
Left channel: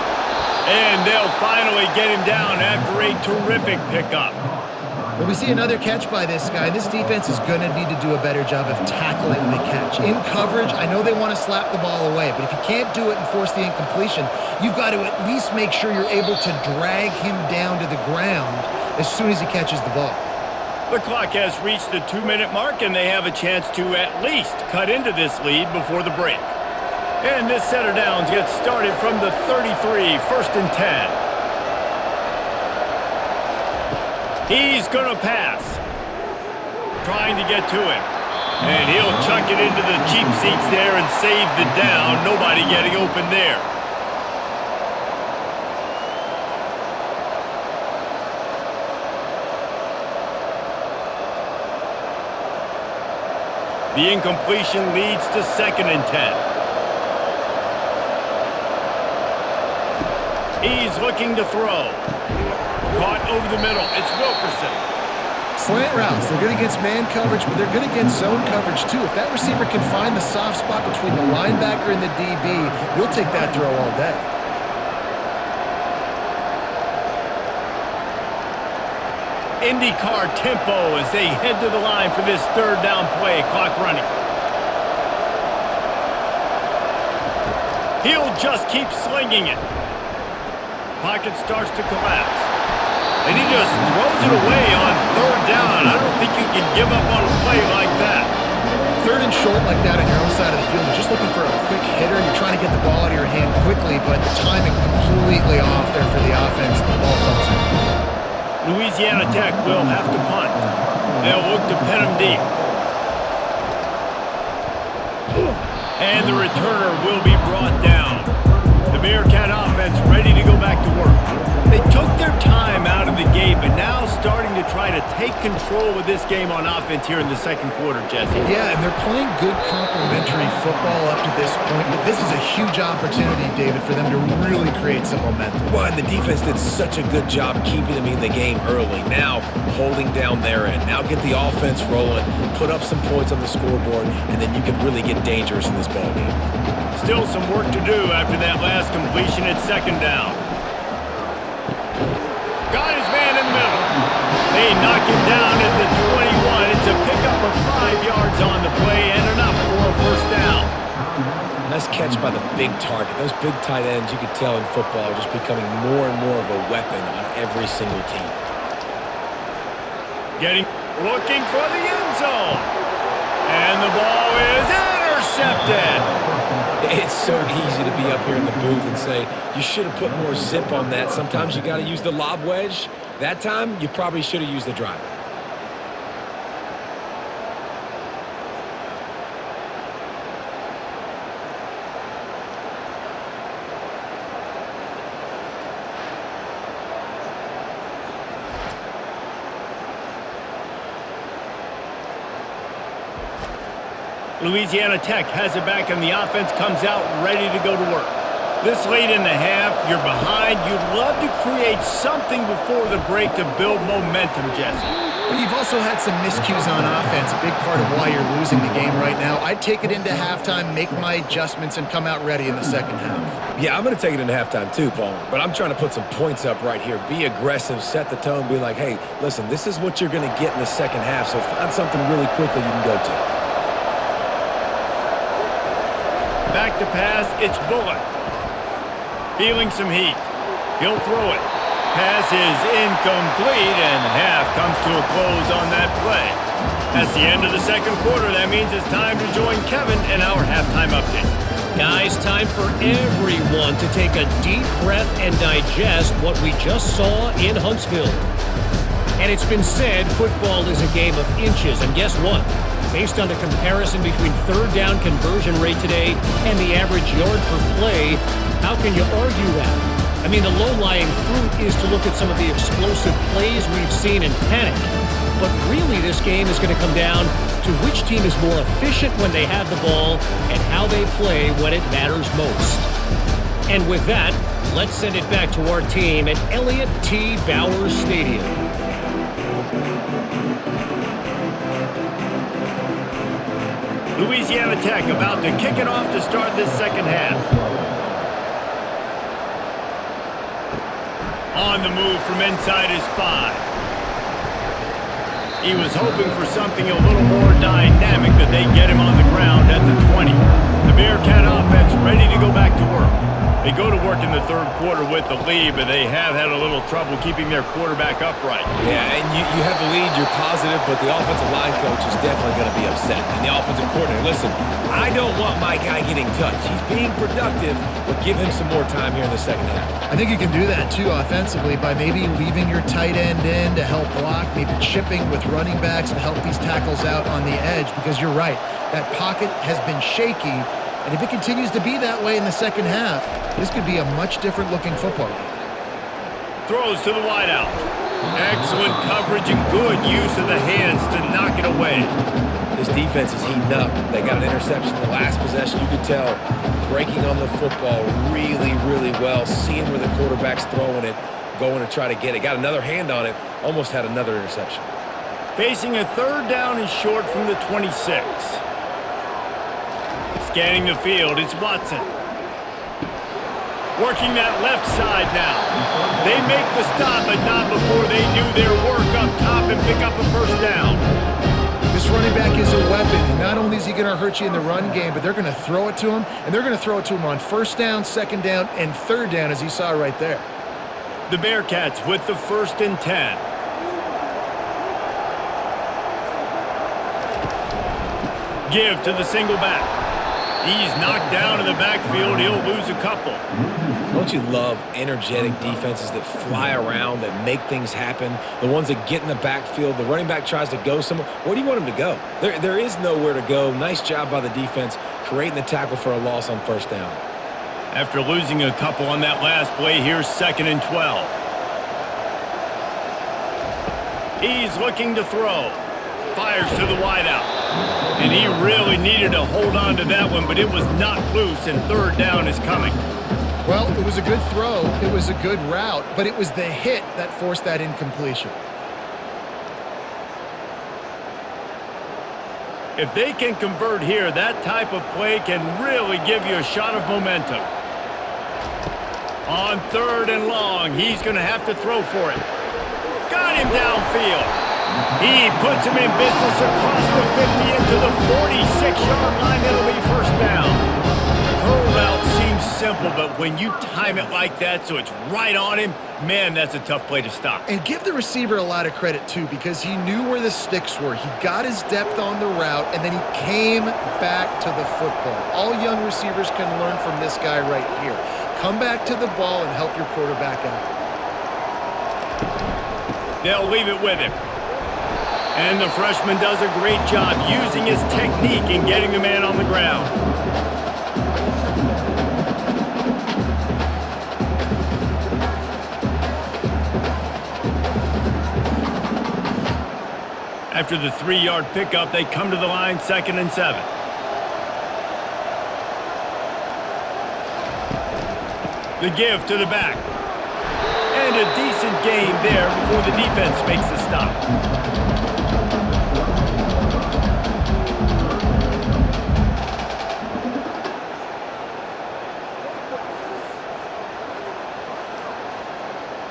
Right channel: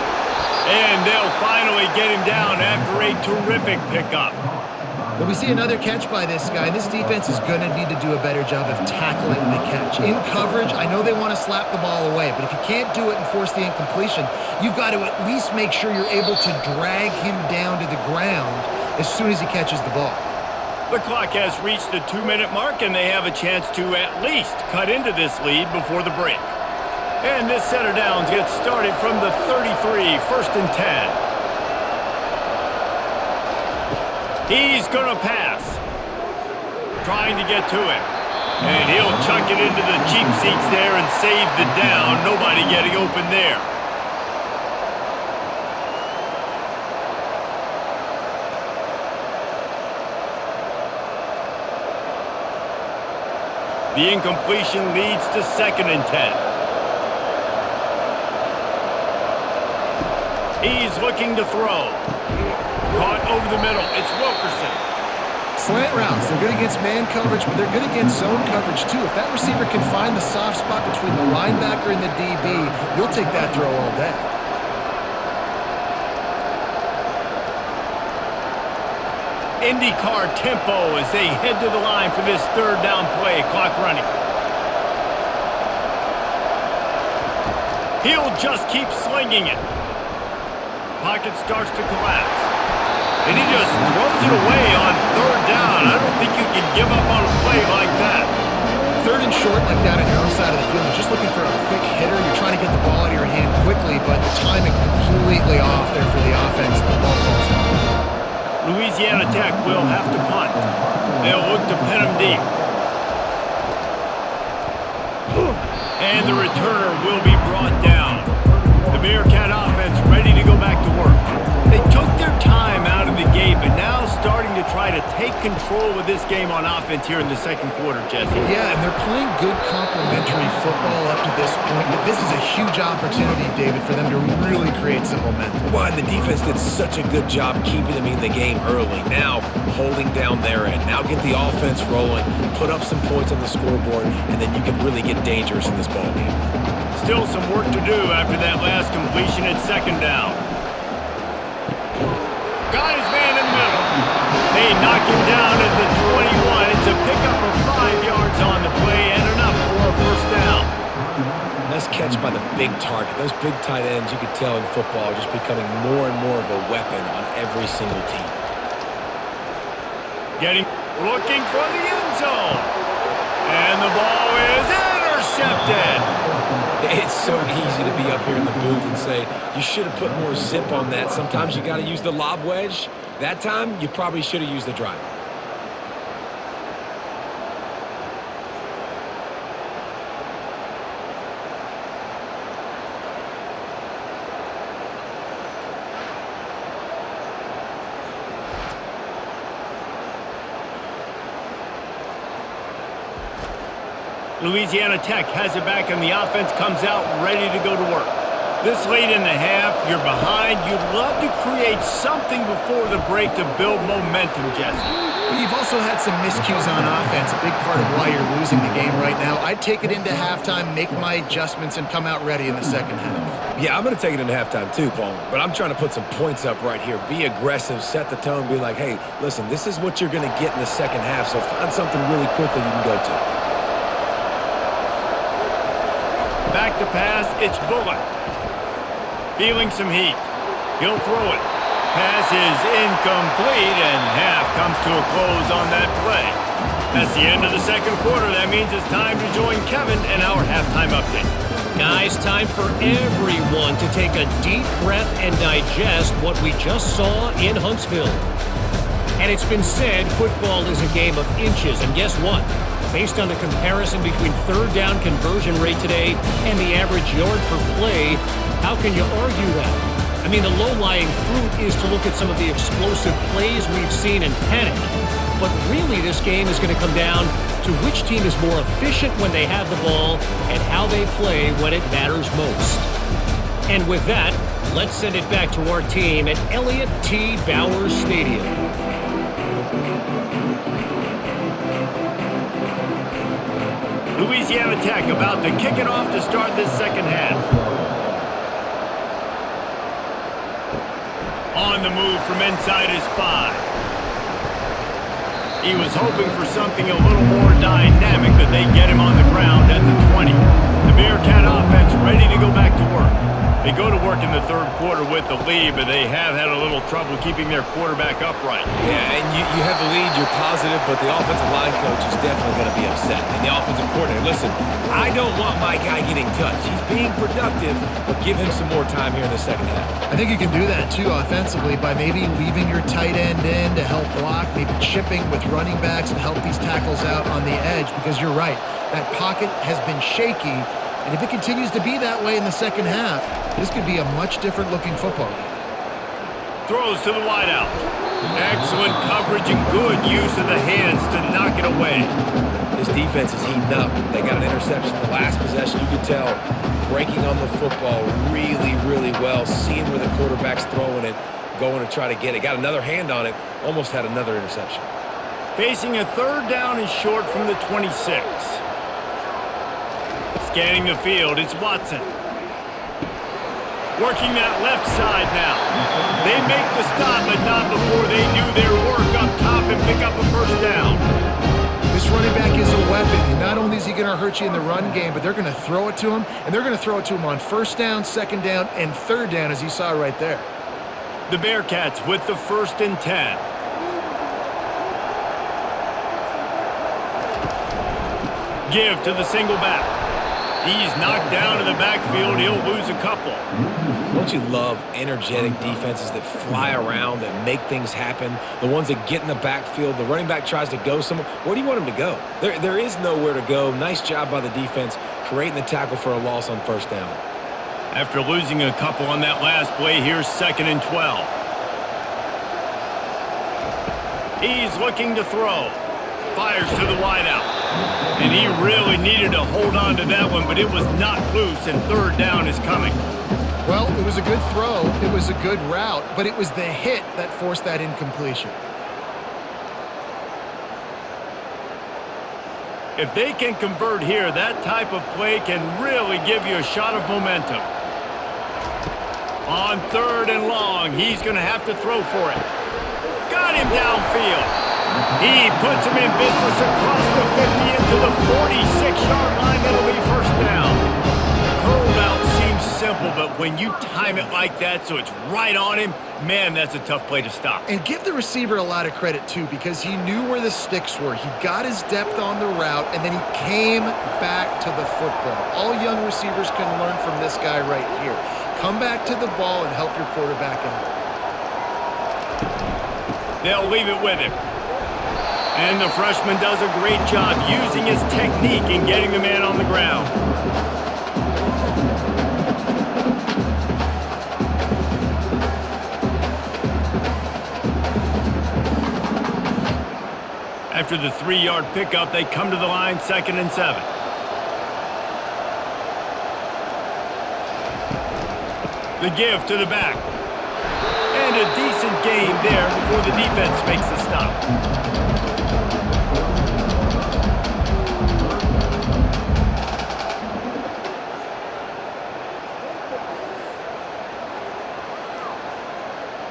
And they'll finally get him down after a terrific pickup. But we see another catch by this guy. This defense is going to need to do a better job of tackling the catch. In coverage, I know they want to slap the ball away, but if you can't do it and force the incompletion, you've got to at least make sure you're able to drag him down to the ground as soon as he catches the ball. The clock has reached the 2-minute mark, and they have a chance to at least cut into this lead before the break. And this set of downs gets started from the 33, 1st and 10. He's going to pass. Trying to get to him. And he'll chuck it into the cheap seats there and save the down. Nobody getting open there. The incompletion leads to 2nd and 10. He's looking to throw. Caught over the middle. It's Wilkerson. Slant routes. They're good against man coverage, but they're good against zone coverage too. If that receiver can find the soft spot between the linebacker and the DB, you'll take that throw all day. IndyCar tempo as they head to the line for this 3rd down play. Clock running. He'll just keep slinging it. Pocket starts to collapse. And he just throws it away on 3rd down. I don't think you can give up on a play like that. 3rd and short like that on your own side of the field, you're just looking for a quick hitter. You're trying to get the ball out of your hand quickly, but the timing completely off there for the offense. The ball falls in. Louisiana Tech will have to punt. They'll look to pin him deep. And the returner will be brought down. The Bearcat offense ready to go back to work. They took their time out of the gate, but now starting to try to take control of this game on offense here in the 2nd quarter, Jesse. Yeah, and they're playing good complementary football up to this point, but this is a huge opportunity, David, for them to really create some momentum. Well, and the defense did such a good job keeping them in the game early. Now holding down their end. Now get the offense rolling, put up some points on the scoreboard, and then you can really get dangerous in this ball game. Still some work to do after that last completion at second down. Got his man in the middle. They knock him down at the 21. It's a pickup of 5 yards on the play and enough for a first down. Nice catch by the big target. Those big tight ends, you could tell in football, are just becoming more and more of a weapon on every single team. Looking for the end zone. And the ball is intercepted. It's so easy to be up here in the booth and say, you should have put more zip on that. Sometimes you got to use the lob wedge. That time, you probably should have used the driver. Louisiana Tech has it back, and the offense comes out ready to go to work. This late in the half, you're behind. You'd love to create something before the break to build momentum, Jesse. But you've also had some miscues on offense, a big part of why you're losing the game right now. I'd take it into halftime, make my adjustments, and come out ready in the second half. Yeah, I'm going to take it into halftime too, Palmer. But I'm trying to put some points up right here. Be aggressive, set the tone, be like, hey, listen, this is what you're going to get in the second half, so find something really quickly you can go to. Back to pass, it's Bullock. Feeling some heat. He'll throw it. Pass is incomplete, and half comes to a close on that play. That's the end of the second quarter. That means it's time to join Kevin in our halftime update. Guys, time for everyone to take a deep breath and digest what we just saw in Huntsville. And it's been said football is a game of inches, and guess what? Based on the comparison between third down conversion rate today and the average yard per play, how can you argue that? I mean, the low-lying fruit is to look at some of the explosive plays we've seen and panic. But really, this game is going to come down to which team is more efficient when they have the ball and how they play when it matters most. And with that, let's send it back to our team at Elliott T. Bowers Stadium. Louisiana Tech about to kick it off to start this second half. On the move from inside his 5. He was hoping for something a little more dynamic, but they get him on the ground at the 20. The Bearcat offense ready to go back to work. They go to work in the third quarter with the lead, but they have had a little trouble keeping their quarterback upright. Yeah, and you have the lead, you're positive, but the offensive line coach is definitely going to be upset. And the offensive coordinator, listen, I don't want my guy getting touched. He's being productive, but give him some more time here in the second half. I think you can do that, too, offensively, by maybe leaving your tight end in to help block, maybe chipping with running backs to help these tackles out on the edge, because you're right, that pocket has been shaky. And if it continues to be that way in the second half, this could be a much different looking football game. Throws to the wideout. Excellent coverage and good use of the hands to knock it away. This defense is heating up. They got an interception in the last possession. You could tell breaking on the football really, really well, seeing where the quarterback's throwing it, going to try to get it. Got another hand on it, almost had another interception. Facing a third down and short from the 26. Scanning the field, it's Watson. Working that left side now. They make the stop, but not before they do their work up top and pick up a first down. This running back is a weapon. Not only is he going to hurt you in the run game, but they're going to throw it to him, and they're going to throw it to him on first down, second down, and third down, as you saw right there. The Bearcats with the 1st and 10. Give to the single back. He's knocked down in the backfield. He'll lose a couple. Don't you love energetic defenses that fly around, that make things happen? The ones that get in the backfield, the running back tries to go somewhere. Where do you want him to go? There is nowhere to go. Nice job by the defense creating the tackle for a loss on first down. After losing a couple on that last play, here's 2nd and 12. He's looking to throw. Fires to the wideout. And he really needed to hold on to that one, but it was not loose, and third down is coming. Well, it was a good throw. It was a good route, but it was the hit that forced that incompletion. If they can convert here, that type of play can really give you a shot of momentum. On 3rd and long, he's going to have to throw for it. Got him downfield. He puts him in business across the 50 into the 46-yard line. It'll be first down. Curl route seems simple, but when you time it like that so it's right on him, man, that's a tough play to stop. And give the receiver a lot of credit, too, because he knew where the sticks were. He got his depth on the route, and then he came back to the football. All young receivers can learn from this guy right here. Come back to the ball and help your quarterback out. They'll leave it with him. And the freshman does a great job using his technique and getting the man on the ground. After the 3-yard pickup, they come to the line, 2nd and 7. The give to the back. And a decent gain there before the defense makes the stop.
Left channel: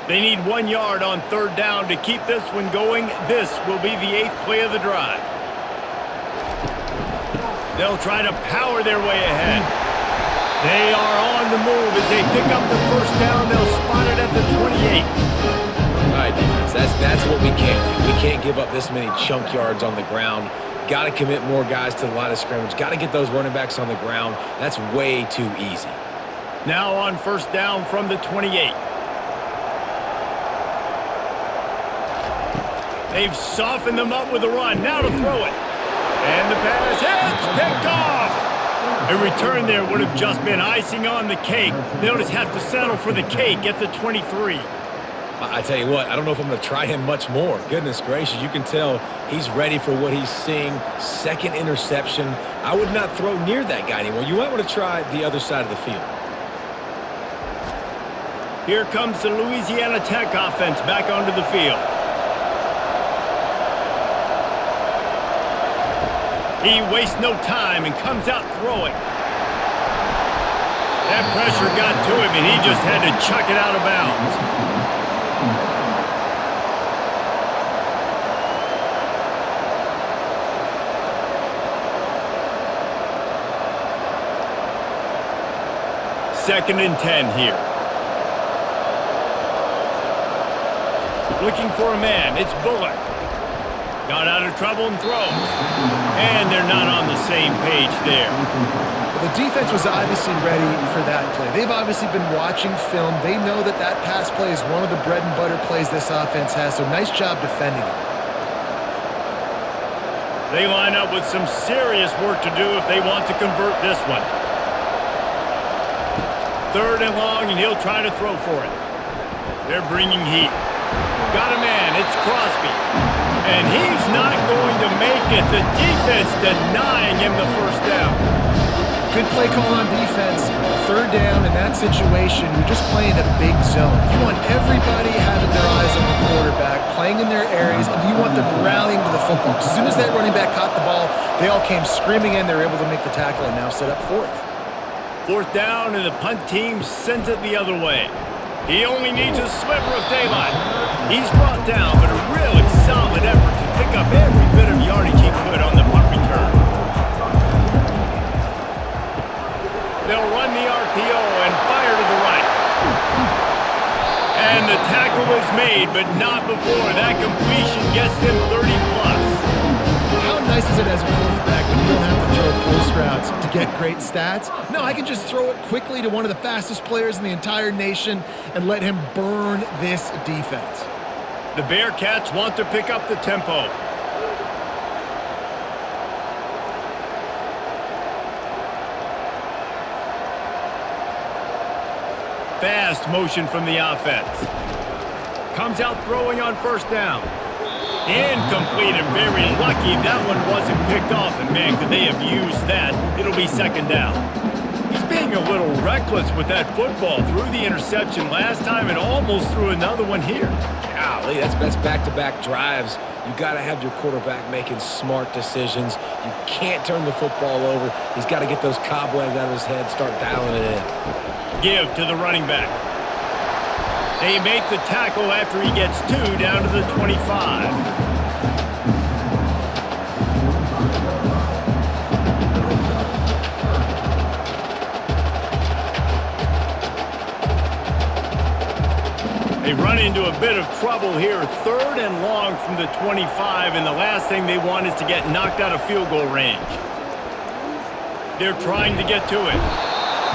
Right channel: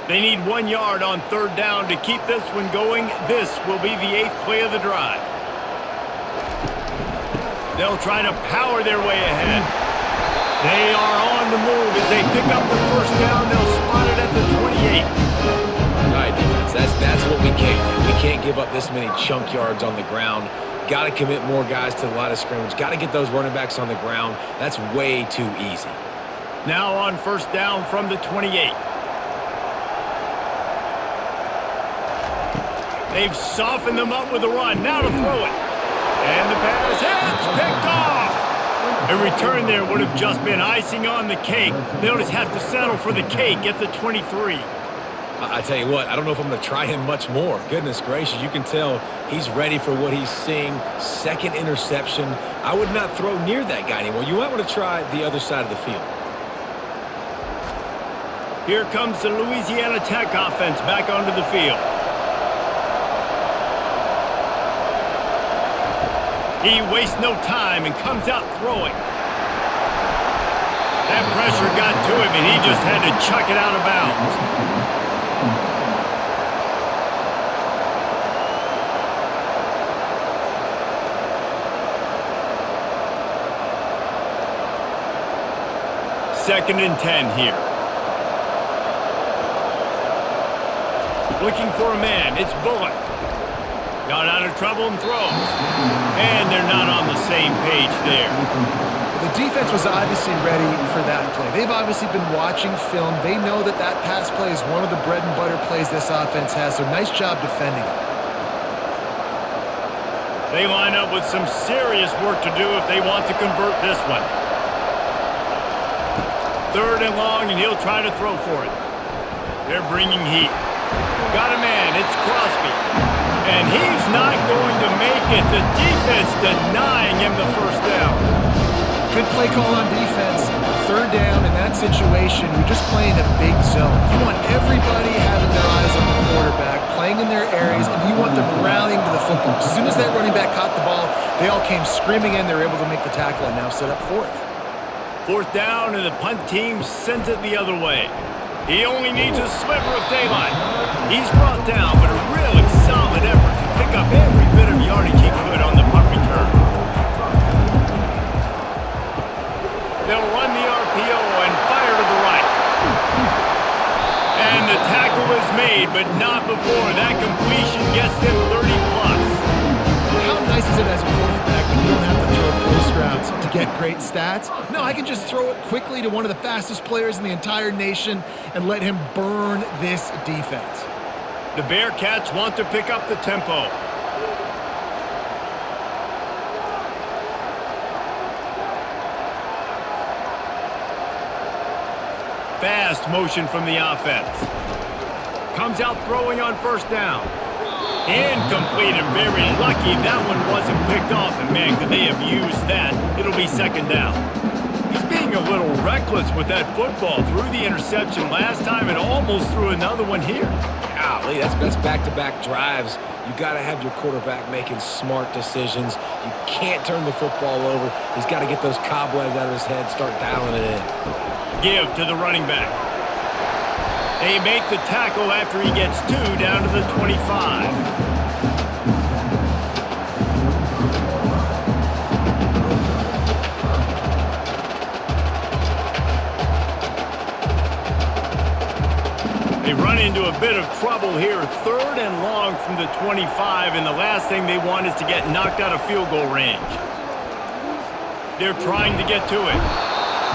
They need 1 yard on 3rd down to keep this one going. This will be the 8th play of the drive. They'll try to power their way ahead. They are on the move as they pick up the first down. They'll spot it at the 28. All right, defense, that's what we can't do. We can't give up this many chunk yards on the ground. Got to commit more guys to the line of scrimmage. Got to get those running backs on the ground. That's way too easy. Now on first down from the 28. They've softened them up with a run. Now to throw it. And the pass hits, picked off. A return there would have just been icing on the cake. They'll just have to settle for the cake at the 23. I tell you what, I don't know if I'm going to try him much more. Goodness gracious, you can tell he's ready for what he's seeing. 2nd interception. I would not throw near that guy anymore. You might want to try the other side of the field. Here comes the Louisiana Tech offense back onto the field. He wastes no time and comes out throwing. That pressure got to him, and he just had to chuck it out of bounds. Second and 10 here. Looking for a man. It's Bullock. Got out of trouble and throws. And they're not on the same page there. Well, the defense was obviously ready for that play. They've obviously been watching film. They know that that pass play is one of the bread and butter plays this offense has, so nice job defending it. They line up with some serious work to do if they want to convert this one. 3rd and long, and he'll try to throw for it. They're bringing heat. Got a man. It's Crosby. And he's not going to make it. The defense denying him the first down. Good play call on defense. 3rd down in that situation, you're just playing a big zone. You want everybody having their eyes on the quarterback, playing in their areas, and you want them rallying to the football. As soon as that running back caught the ball, they all came screaming in. They were able to make the tackle and now set up 4th. 4th down, and the punt team sends it the other way. He only needs a sliver of daylight. He's brought down, but a really solid effort to pick up every bit of yardage he could on the punt return. They'll run the RPO and fire to the right. And the tackle is made, but not before that completion gets them 30+. How nice is it as a quarterback when you don't have to throw post routes to get great stats? No, I can just throw it quickly to one of the fastest players in the entire nation and let him burn this defense. The Bearcats want to pick up the tempo. Fast motion from the offense. Comes out throwing on first down. Incomplete and very lucky that one wasn't picked off. And man, could they have used that. It'll be 2nd down. He's being a little reckless with that football. Threw the interception last time and almost threw another one here. Golly, that's back-to-back drives. You got to have your quarterback making smart decisions. You can't turn the football over. He's got to get those cobwebs out of his head, start dialing it in. Give to the running back. They make the tackle after he gets 2 down to the 25. They run into a bit of trouble here. 3rd and long from the 25, and the last thing they want is to get knocked out of field goal range. They're trying to get to it.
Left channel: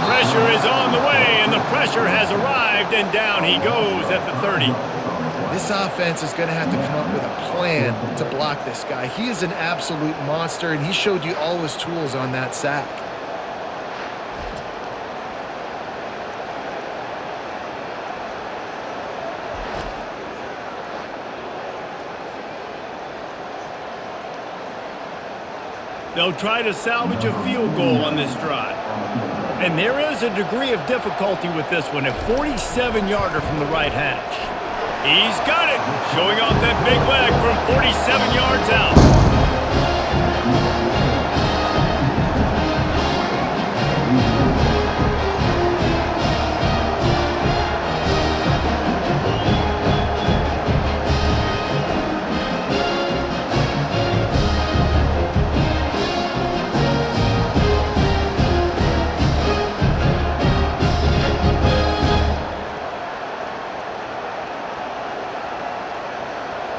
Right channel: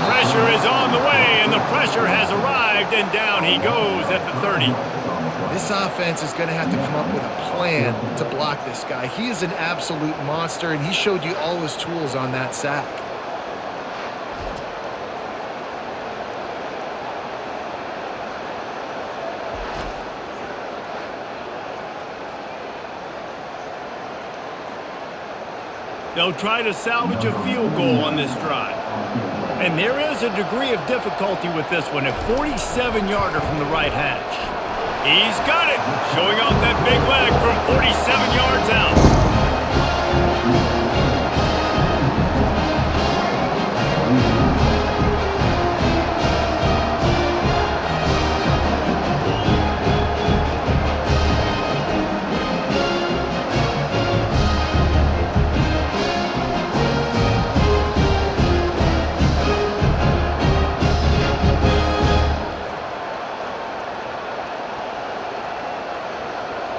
Pressure is on the way, and the pressure has arrived, and down he goes at the 30. This offense is going to have to come up with a plan to block this guy. He is an absolute monster, and he showed you all his tools on that sack. They'll try to salvage a field goal on this drive. And there is a degree of difficulty with this one, a 47-yarder from the right hash. He's got it, showing off that big leg from 47 yards out.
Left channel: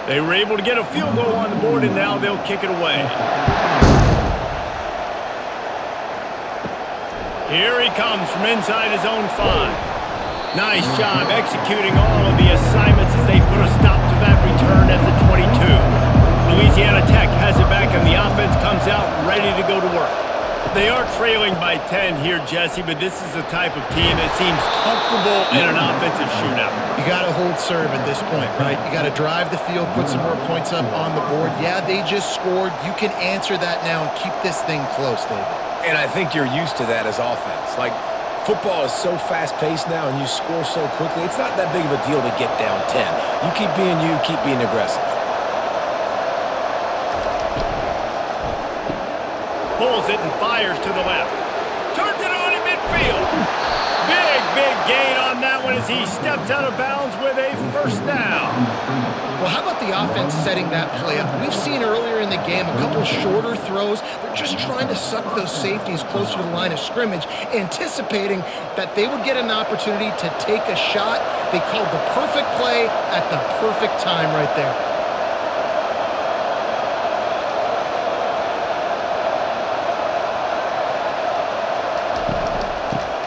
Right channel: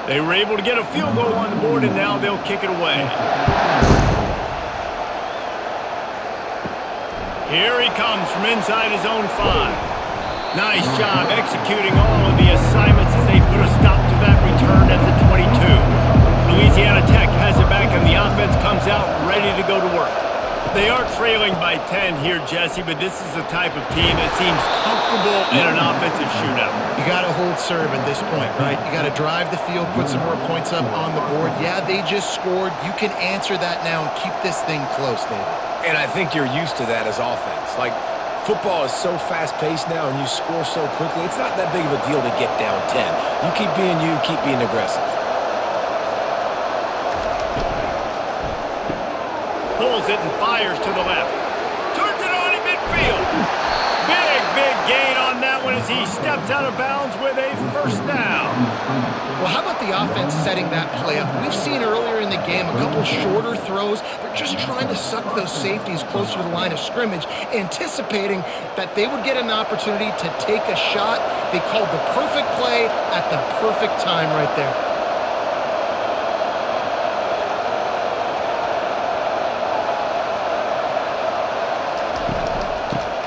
They were able to get a field goal on the board, and now they'll kick it away. Here he comes from inside his own 5. Nice job executing all of the assignments as they put a stop to that return at the 22. Louisiana Tech has it back, and the offense comes out ready to go to work. They are trailing by 10 here, Jesse, but this is the type of team that seems comfortable in an offensive shootout. You got to hold serve at this point, right? You got to drive the field, put some more points up on the board. Yeah, they just scored. You can answer that now and keep this thing close, David. And I think you're used to that as offense. Like, football is so fast-paced now and you score so quickly, it's not that big of a deal to get down 10. You keep being aggressive. Pulls it and fires to the left. Turns it on in midfield. Big gain on that one as he steps out of bounds with a first down. Well, how about the offense setting that play up? We've seen earlier in the game a couple shorter throws. They're just trying to suck those safeties closer to the line of scrimmage, anticipating that they would get an opportunity to take a shot. They called the perfect play at the perfect time right there.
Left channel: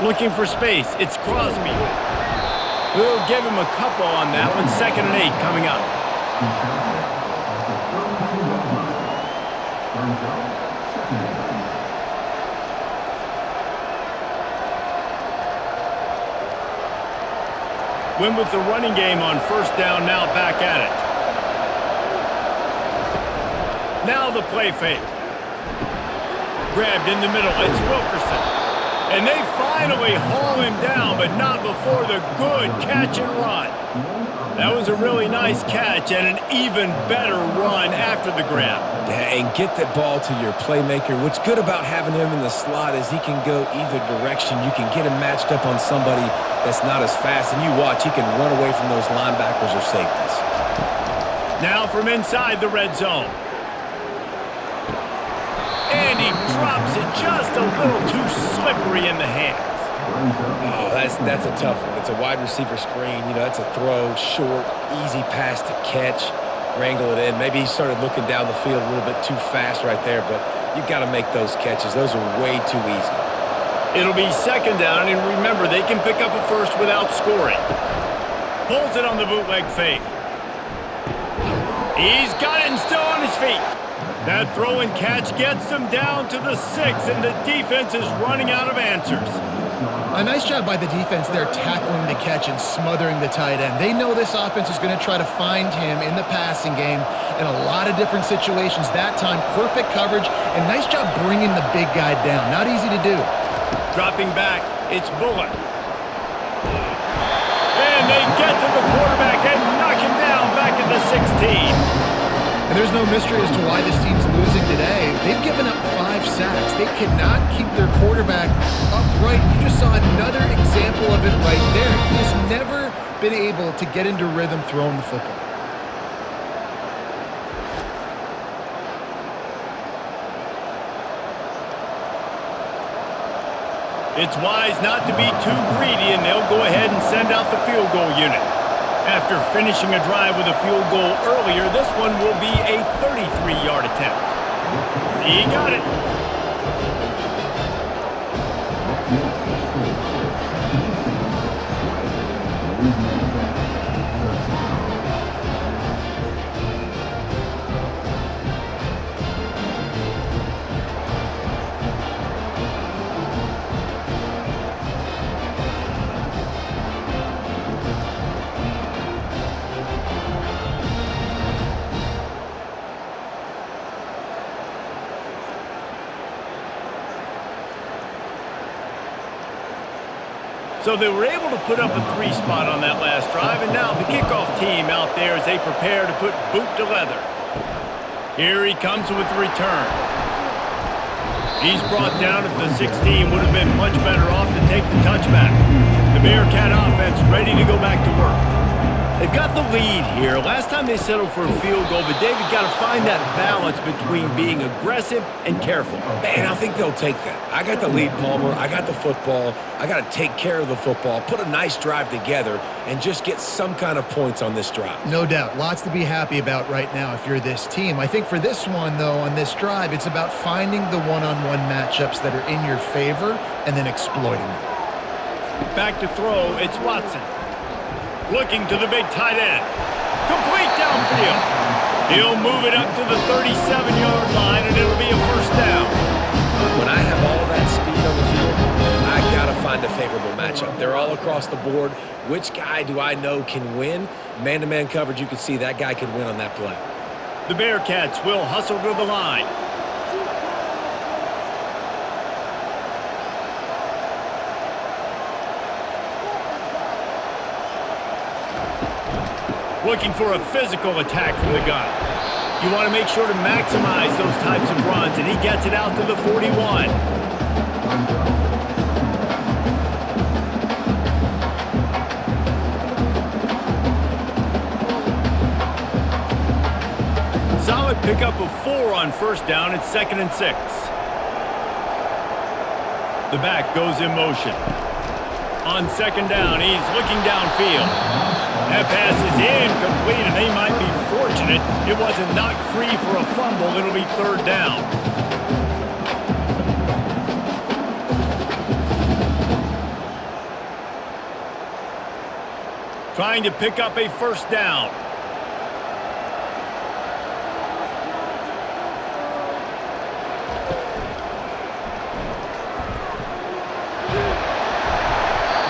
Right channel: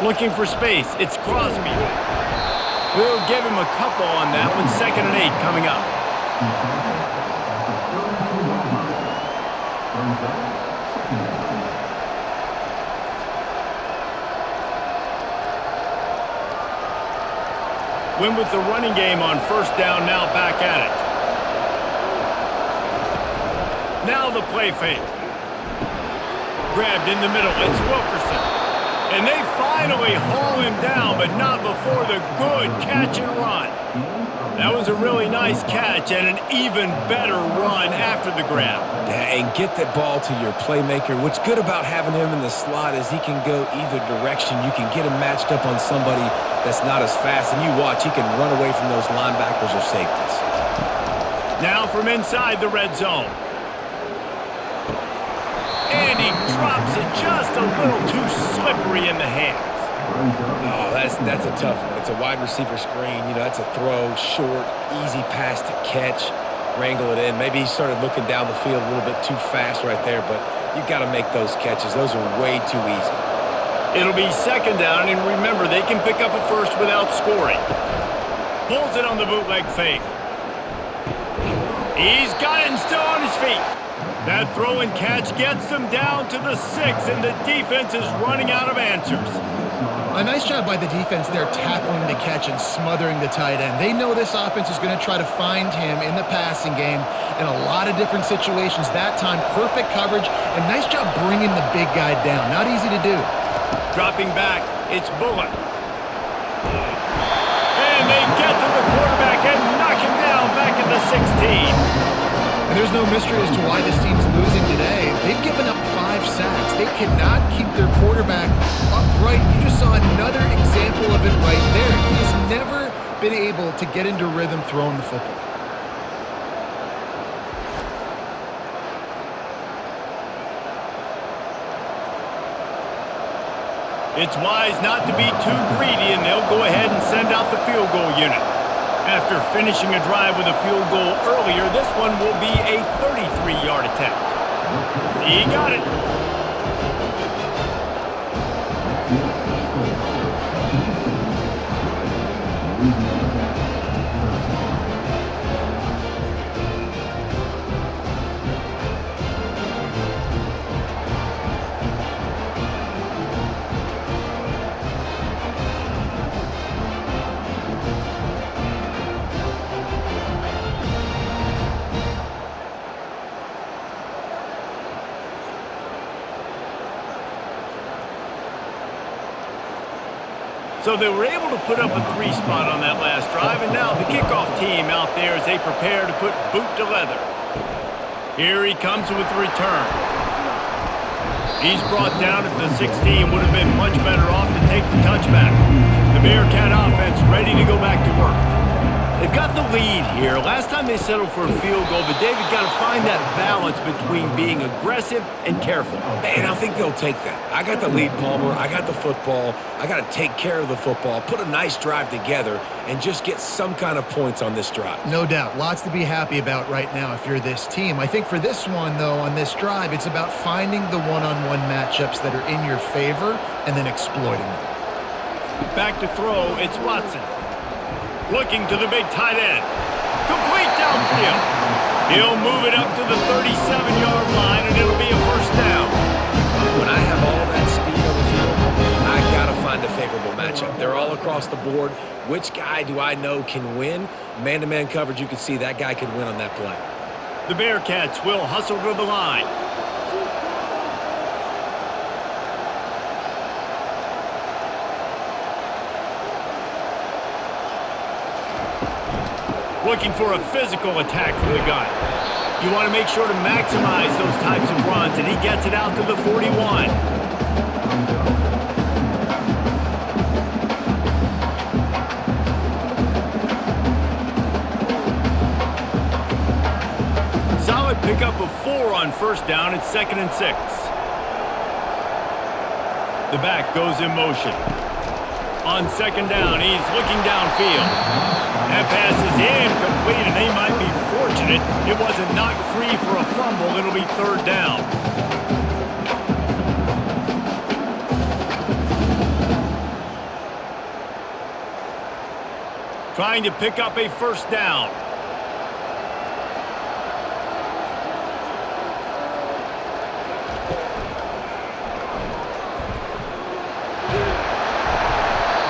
Looking for space. It's Crosby. We'll give him a couple on that one. 2nd and 8 coming up. Win with the running game on first down, now back at it. Now the play fake. Grabbed in the middle. It's Wilkerson. And they finally haul him down, but not before the good catch and run. That was a really nice catch and an even better run after the grab. Yeah, and get that ball to your playmaker. What's good about having him in the slot is he can go either direction. You can get him matched up on somebody that's not as fast, and you watch, he can run away from those linebackers or safeties. Now from inside the red zone. And he drops it just a little too slippery in the hands. Oh, that's a tough one. It's a wide receiver screen. You know, that's a throw, short, easy pass to catch, wrangle it in. Maybe he started looking down the field a little bit too fast right there, but you got to make those catches. Those are way too easy. It'll be 2nd down, and remember, they can pick up a first without scoring. Pulls it on the bootleg fake. He's got it and still on his feet. That throw and catch gets them down to the 6, and the defense is running out of answers. A nice job by the defense there tackling the catch and smothering the tight end. They know this offense is going to try to find him in the passing game in a lot of different situations. That time, perfect coverage, and nice job bringing the big guy down. Not easy to do. Dropping back, it's Bullock. And they get to the quarterback and knock him down back at the 16. And there's no mystery as to why this team's losing today. They've given up 5 sacks. They cannot keep their quarterback upright. You just saw another example of it right there. He has never been able to get into rhythm throwing the football. It's wise not to be too greedy, and they'll go ahead and send out the field goal unit. After finishing a drive with a field goal earlier, this one will be a 33-yard attempt. He got it. That makes the score. Louisiana Tech, 13. So they were able to put up a 3 spot on that last drive, and now the kickoff team out there as they prepare to put boot to leather. Here he comes with the return. He's brought down at the 16, would have been much better off to take the touchback. The Bearcat offense ready to go back to work. They've got the lead here. Last time they settled for a field goal, but David got to find that balance between being aggressive and careful. Man, I think they'll take that. I got the lead, Palmer. I got the football. I got to take care of the football, put a nice drive together, and just get some kind of points on this drive. No doubt. Lots to be happy about right now if you're this team. I think for this one, though, on this drive, it's about finding the one-on-one matchups that are in your favor and then exploiting them. Back to throw, it's Watson. Looking to the big tight end. Complete downfield. He'll move it up to the 37-yard line, and it'll be a first down. When I have all that speed on the field, I got to find a favorable matchup. They're all across the board. Which guy do I know can win? Man-to-man coverage, you can see that guy could win on that play. The Bearcats will hustle to the line. Looking for a physical attack from the gun. You want to make sure to maximize those types of runs, and he gets it out to the 41. Solid pickup of 4 on first down. It's 2nd and 6. The back goes in motion. On 2nd down, he's looking downfield. That pass is incomplete, and they might be fortunate it wasn't knocked free for a fumble. It'll be 3rd down. Trying to pick up a first down.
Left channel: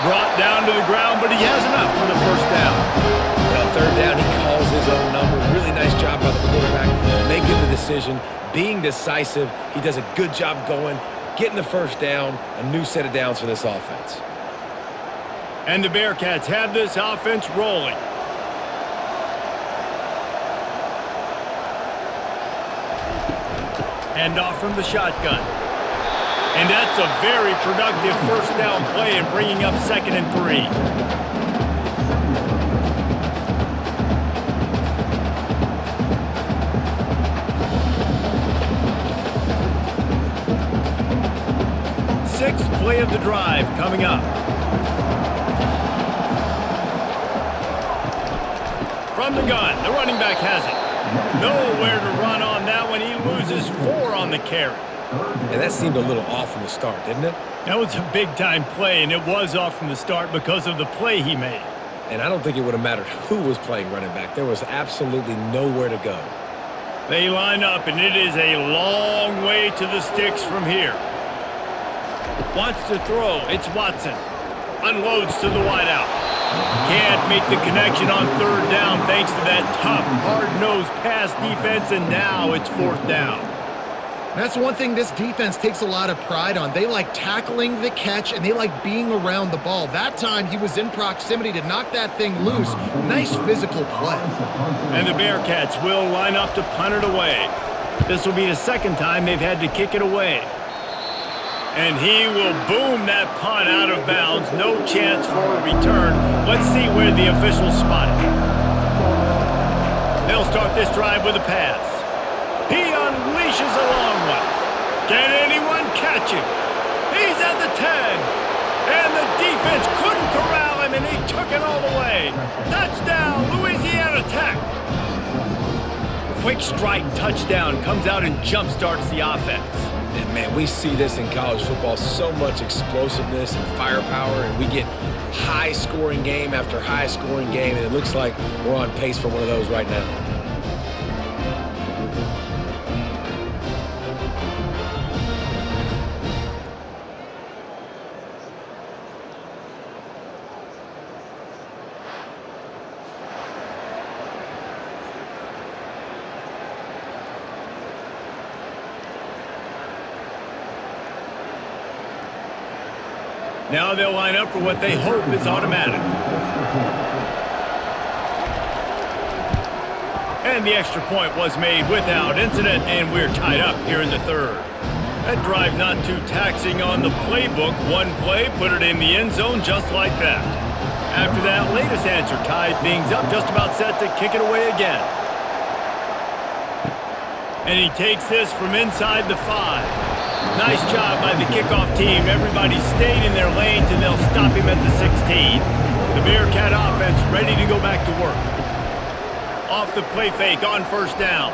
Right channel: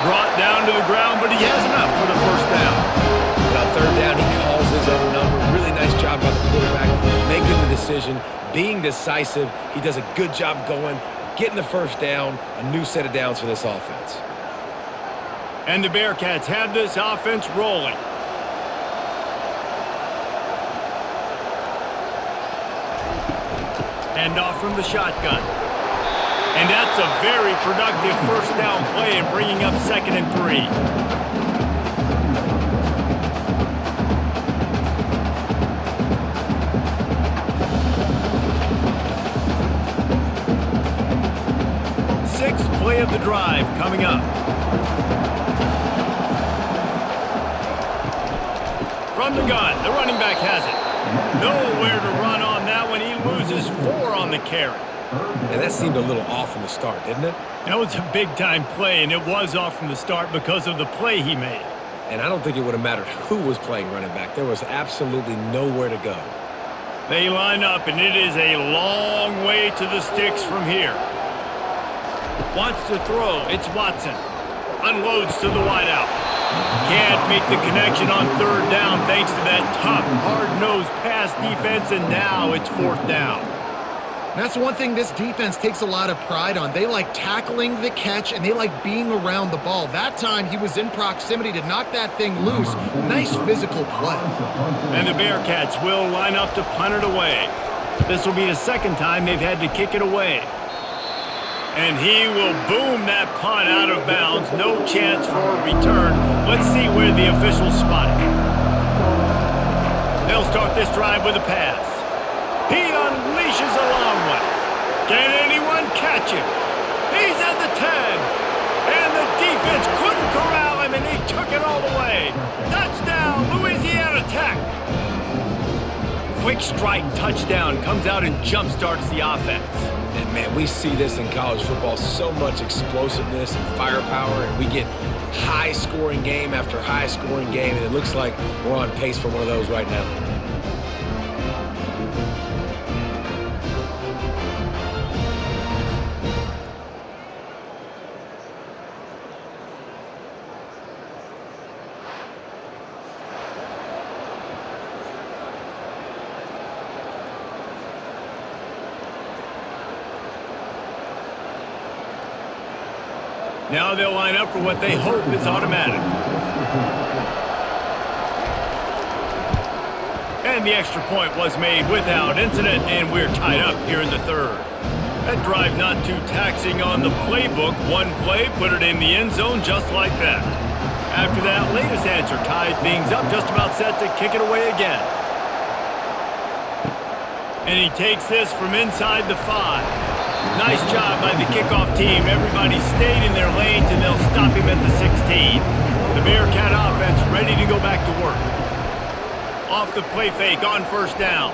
Brought down to the ground, but he has enough for the first down. And on 3rd down, he calls his own number. Really nice job by the quarterback, making the decision, being decisive. He does a good job going, getting the first down, a new set of downs for this offense. And the Bearcats have this offense rolling. Hand off from the shotgun. And that's a very productive first down play and bringing up 2nd and 3. Sixth play of the drive coming up. From the gun, the running back has it. Nowhere to run on that one. He loses 4 on the carry. And that seemed a little off from the start, didn't it? That was a big-time play, and it was off from the start because of the play he made. And I don't think it would have mattered who was playing running back. There was absolutely nowhere to go. They line up, and it is a long way to the sticks from here. Wants to throw. It's Watson. Unloads to the wideout. Can't make the connection on 3rd down thanks to that tough, hard-nosed pass defense, and now it's 4th down. And that's one thing this defense takes a lot of pride on. They like tackling the catch, and they like being around the ball. That time, he was in proximity to knock that thing loose. Nice physical play. And the Bearcats will line up to punt it away. This will be the second time they've had to kick it away. And he will boom that punt out of bounds. No chance for a return. Let's see where the officials spot it. They'll start this drive with a pass. He unleashes a long one. Can anyone catch him? He's at the 10. And the defense couldn't corral him, and he took it all the way. Touchdown, Louisiana Tech. Quick strike touchdown comes out and jump-starts the offense. And, man, we see this in college football, so much explosiveness and firepower, and we get high-scoring game after high-scoring game, and it looks like we're on pace for one of those right now. Now they'll line up for what they hope is automatic. And the extra point was made without incident, and we're tied up here in the third. That drive not too taxing on the playbook. One play, put it in the end zone just like that. After that latest answer tied things up, just about set to kick it away again. And he takes this from inside the 5. Nice job by the kickoff team. Everybody stayed in their lanes, and they'll stop him at the 16. The Bearcat offense ready to go back to work. Off the play fake on first down.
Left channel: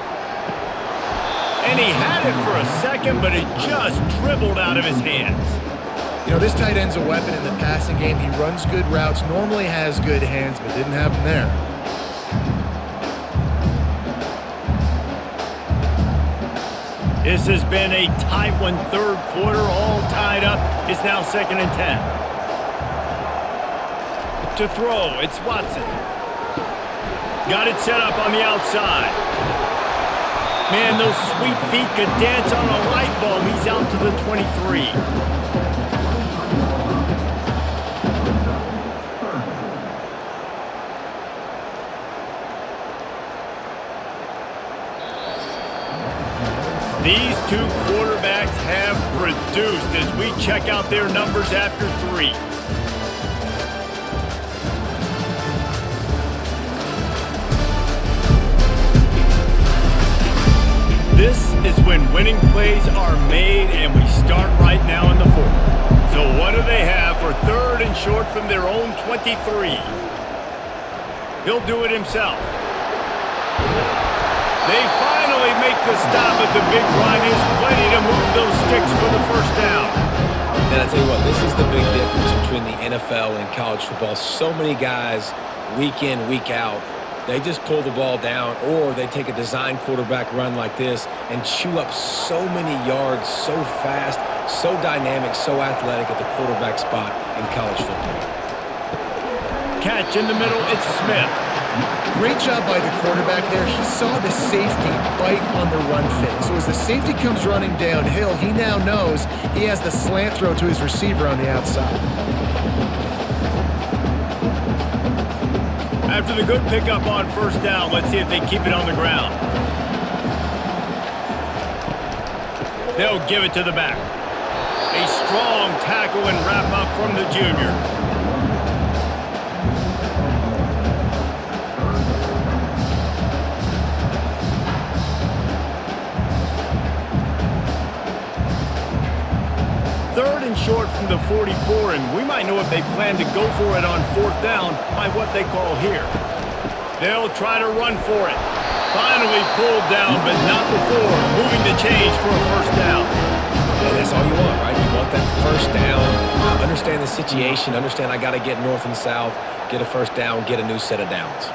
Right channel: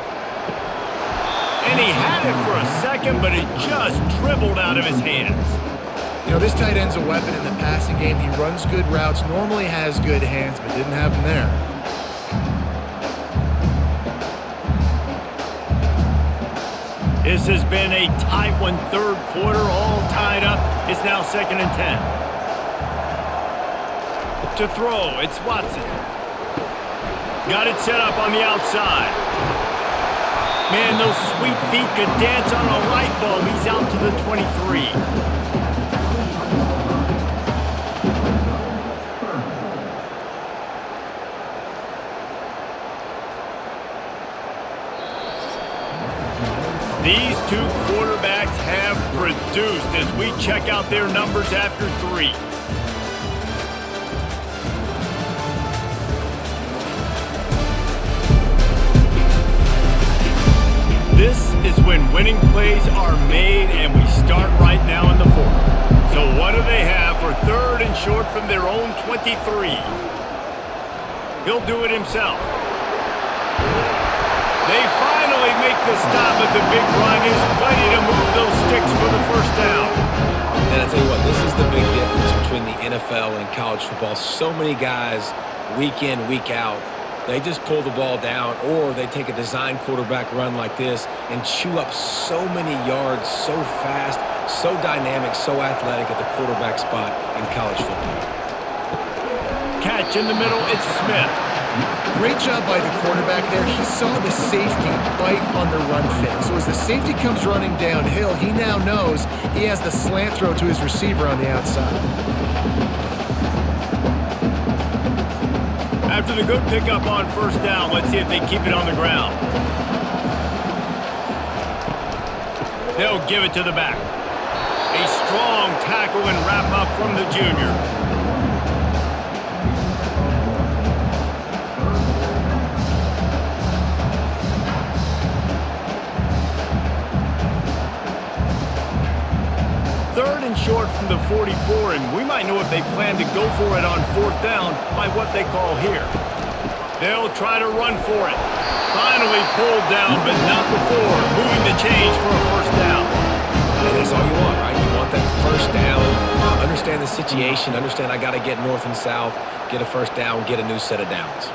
And he had it for a second, but it just dribbled out of his hands. You know, this tight end's a weapon in the passing game. He runs good routes, normally has good hands, but didn't have them there. This has been a tight one, third quarter, all tied up. It's now 2nd and 10. To throw, it's Watson. Got it set up on the outside. Man, those sweet feet could dance on a light bulb. He's out to the 23. These two quarterbacks have produced as we check out their numbers after 3. This is when winning plays are made, and we start right now in the 4th. So what do they have for 3rd and short from their own 23? He'll do it himself. They finally make the stop, but the big run is plenty to move those sticks for the first down. And I tell you what, this is the big difference between the NFL and college football. So many guys, week in, week out, they just pull the ball down, or they take a design quarterback run like this and chew up so many yards so fast, so dynamic, so athletic at the quarterback spot in college football. Catch in the middle, it's Smith. Great job by the quarterback there. He saw the safety bite on the run fake. So as the safety comes running downhill, he now knows he has the slant throw to his receiver on the outside. After the good pickup on first down, let's see if they keep it on the ground. They'll give it to the back. A strong tackle and wrap up from the junior. Third and short from the 44, and we might know if they plan to go for it on 4th down by what they call here. They'll try to run for it. Finally pulled down, but not before moving the chains for a first down. And that's all you want, right? You want that first down, understand the situation, understand I got to get north and south, get a first down, get a new set of downs.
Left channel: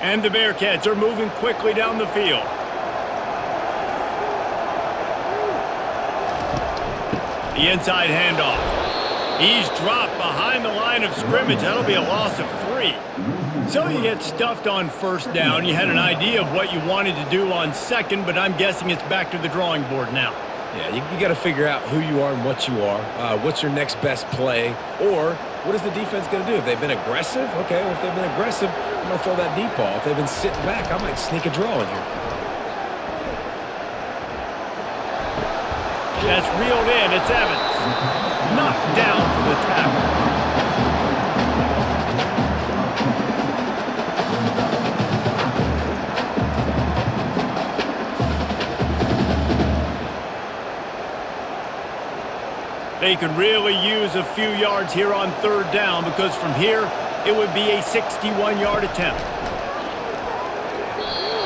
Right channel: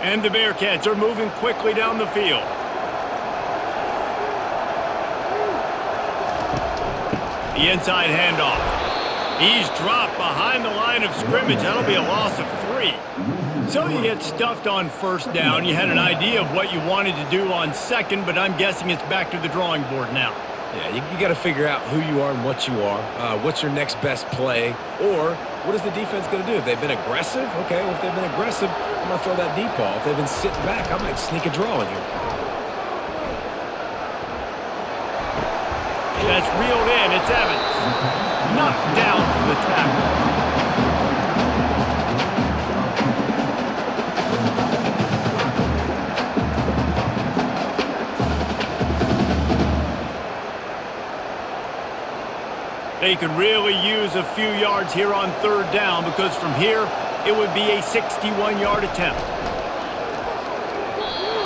And the Bearcats are moving quickly down the field. The inside handoff. He's dropped behind the line of scrimmage. That'll be a loss of 3. So you get stuffed on first down. You had an idea of what you wanted to do on second, but I'm guessing it's back to the drawing board now. Yeah, you got to figure out who you are and what you are. What's your next best play? Or what is the defense going to do? If they've been aggressive, okay, well, if they've been aggressive, I'm going to throw that deep ball. If they've been sitting back, I might sneak a draw in here. That's reeled in. It's Evans. Knocked down for the tackle. They could really use a few yards here on third down because from here it would be a 61-yard attempt.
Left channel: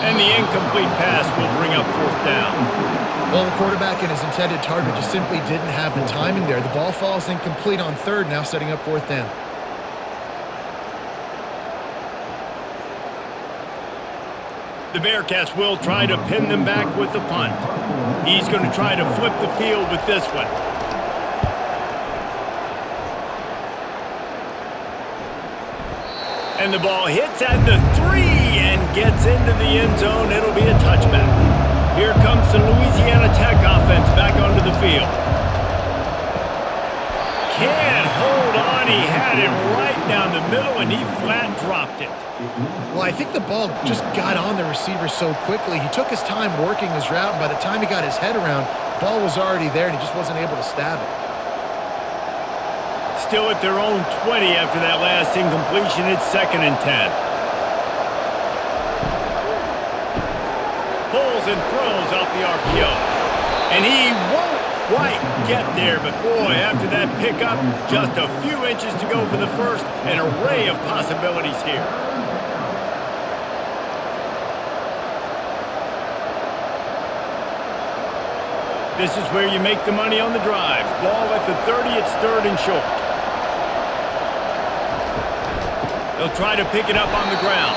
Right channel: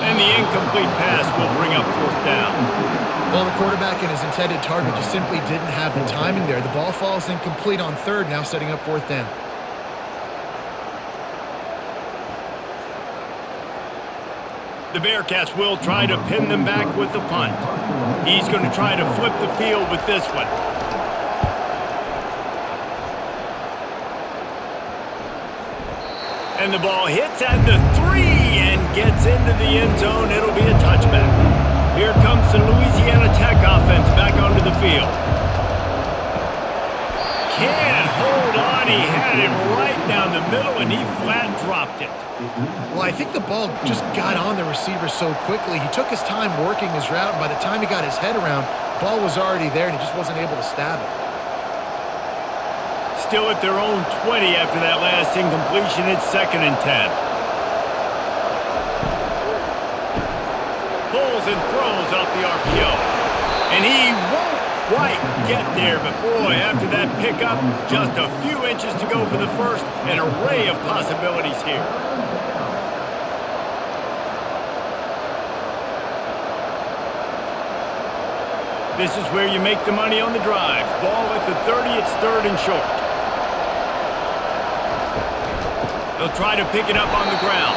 And the incomplete pass will bring up fourth down. Well, the quarterback and his intended target just simply didn't have the timing there. The ball falls incomplete on third, now setting up fourth down. The Bearcats will try to pin them back with the punt. He's going to try to flip the field with this one. And the ball hits at the 3 and gets into the end zone. It'll be a touchback. Here comes the Louisiana Tech offense back onto the field. Can't hold on. He had it right down the middle, and he flat dropped it. Well, I think the ball just got on the receiver so quickly. He took his time working his route, and by the time he got his head around, the ball was already there, and he just wasn't able to stab it. Still at their own 20 after that last incompletion. It's 2nd and 10. Pulls and throws off the RPO. And he won't quite get there, but boy, after that pickup, just a few inches to go for the first. An array of possibilities here. This is where you make the money on the drive. Ball at the 30, it's 3rd and short. They'll try to pick it up on the ground.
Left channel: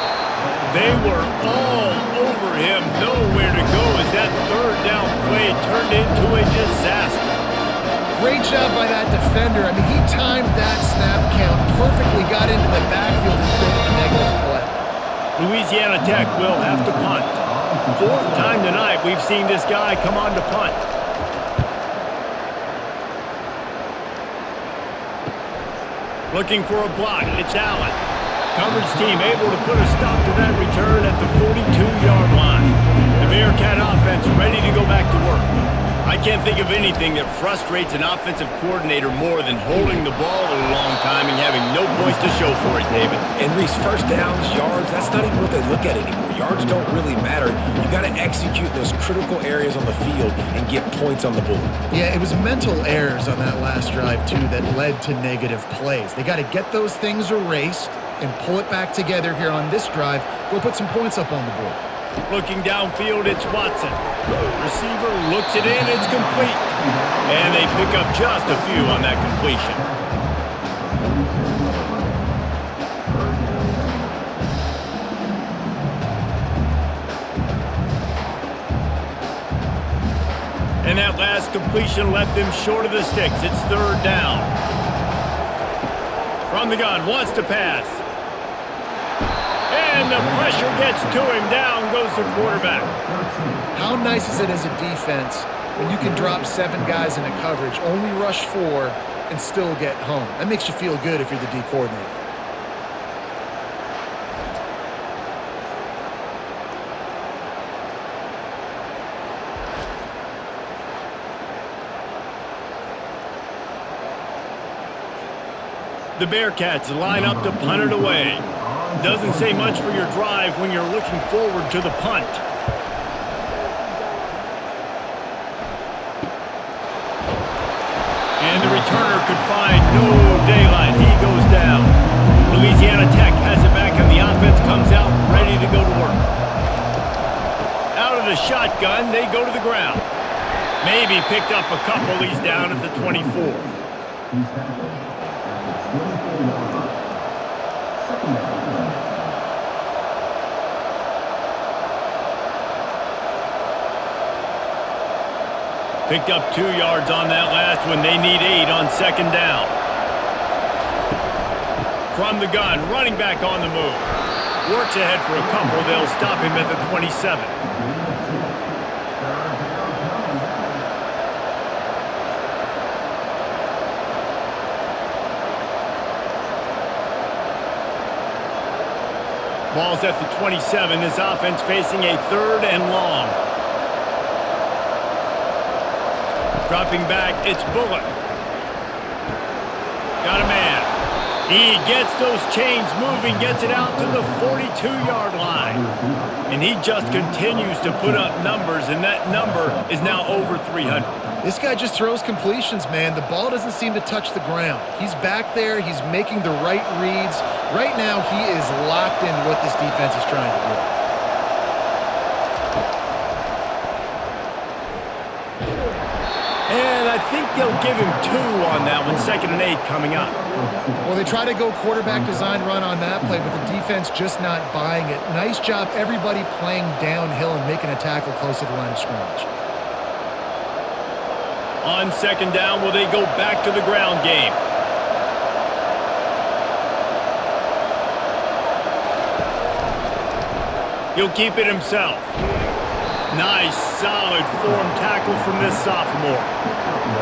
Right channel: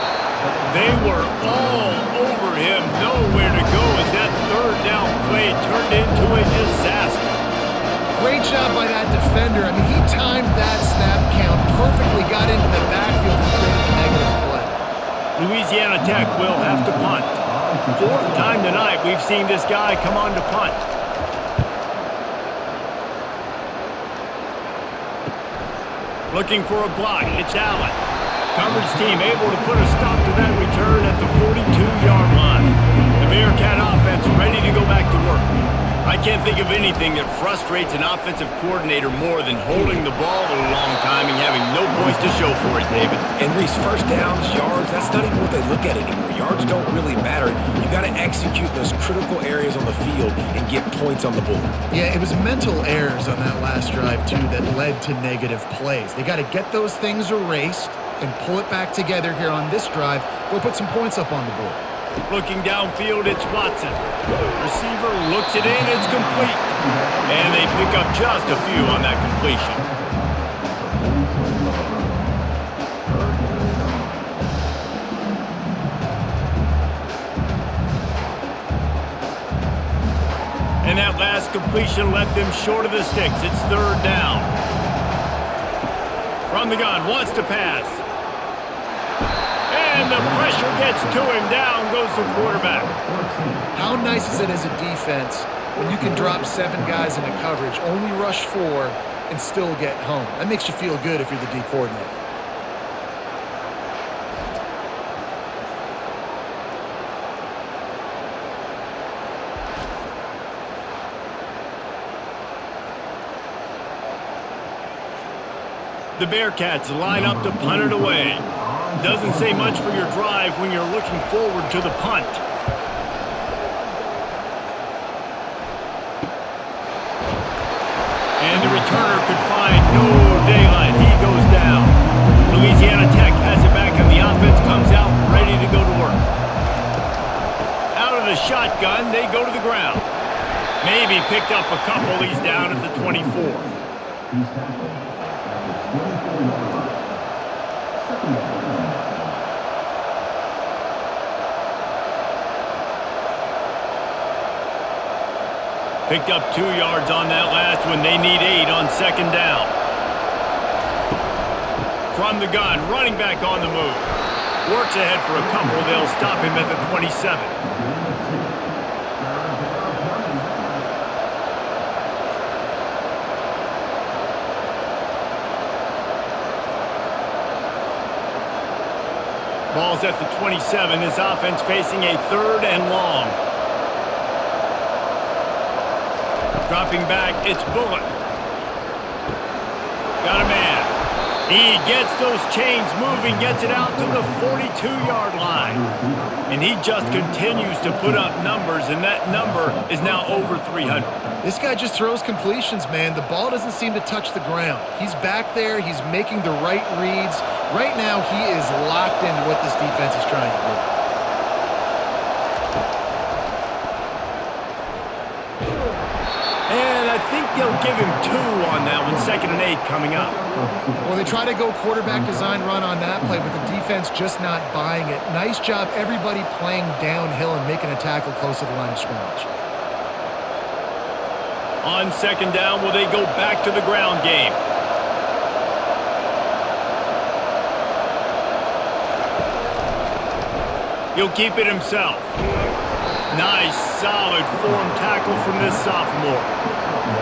They were all over him, nowhere to go as that 3rd down play turned into a disaster. Great job by that defender. I mean, he timed that snap count perfectly, got into the backfield and created a negative play. Louisiana Tech will have to punt. 4th time tonight we've seen this guy come on to punt. Looking for a block. It's Allen. Coverage team able to put a stop to that return at the 42-yard line. The Bearcat offense ready to go back to work. I can't think of anything that frustrates an offensive coordinator more than holding the ball a long time and having no points to show for it, David. And Reese, first downs, yards, that's not even what they look at anymore. Yards don't really matter. You got to execute those critical areas on the field and get points on the board. Yeah, it was mental errors on that last drive, too, that led to negative plays. They got to get those things erased and pull it back together here on this drive. Go put some points up on the board. Looking downfield, it's Watson. Receiver looks it in, it's complete. And they pick up just a few on that completion. And that last completion left them short of the sticks. It's 3rd down. From the gun, wants to pass. And the pressure gets to him. Down goes the quarterback. How nice is it as a defense when you can drop 7 guys into coverage, only rush 4, and still get home? That makes you feel good if you're the D coordinator. The Bearcats line up to punt it away. Doesn't say much for your drive when you're looking forward to the punt. And the returner could find no daylight. He goes down. Louisiana Tech has it back, and the offense comes out ready to go to work. Out of the shotgun, they go to the ground. Maybe picked up a couple. He's down at the 24. He's tackled at the 24-yard line. 2nd down. Picked up 2 yards on that last one. They need 8 on 2nd down. From the gun, running back on the move. Works ahead for a couple. They'll stop him at the 27. Ball's at the 27. This offense facing a 3rd and long. Dropping back, it's Bullock. Got a man. He gets those chains moving, gets it out to the 42-yard line. And he just continues to put up numbers, and that number is now over 300. This guy just throws completions, man. The ball doesn't seem to touch the ground. He's back there. He's making the right reads. Right now, he is locked into what this defense is trying to do. And I think they'll give him 2 on that one, 2nd and 8 coming up. Well, they try to go quarterback design run on that play, but the defense just not buying it. Nice job, everybody playing downhill and making a tackle close to the line of scrimmage. On 2nd down, will they go back to the ground game? He'll keep it himself. Nice, solid form tackle from this sophomore.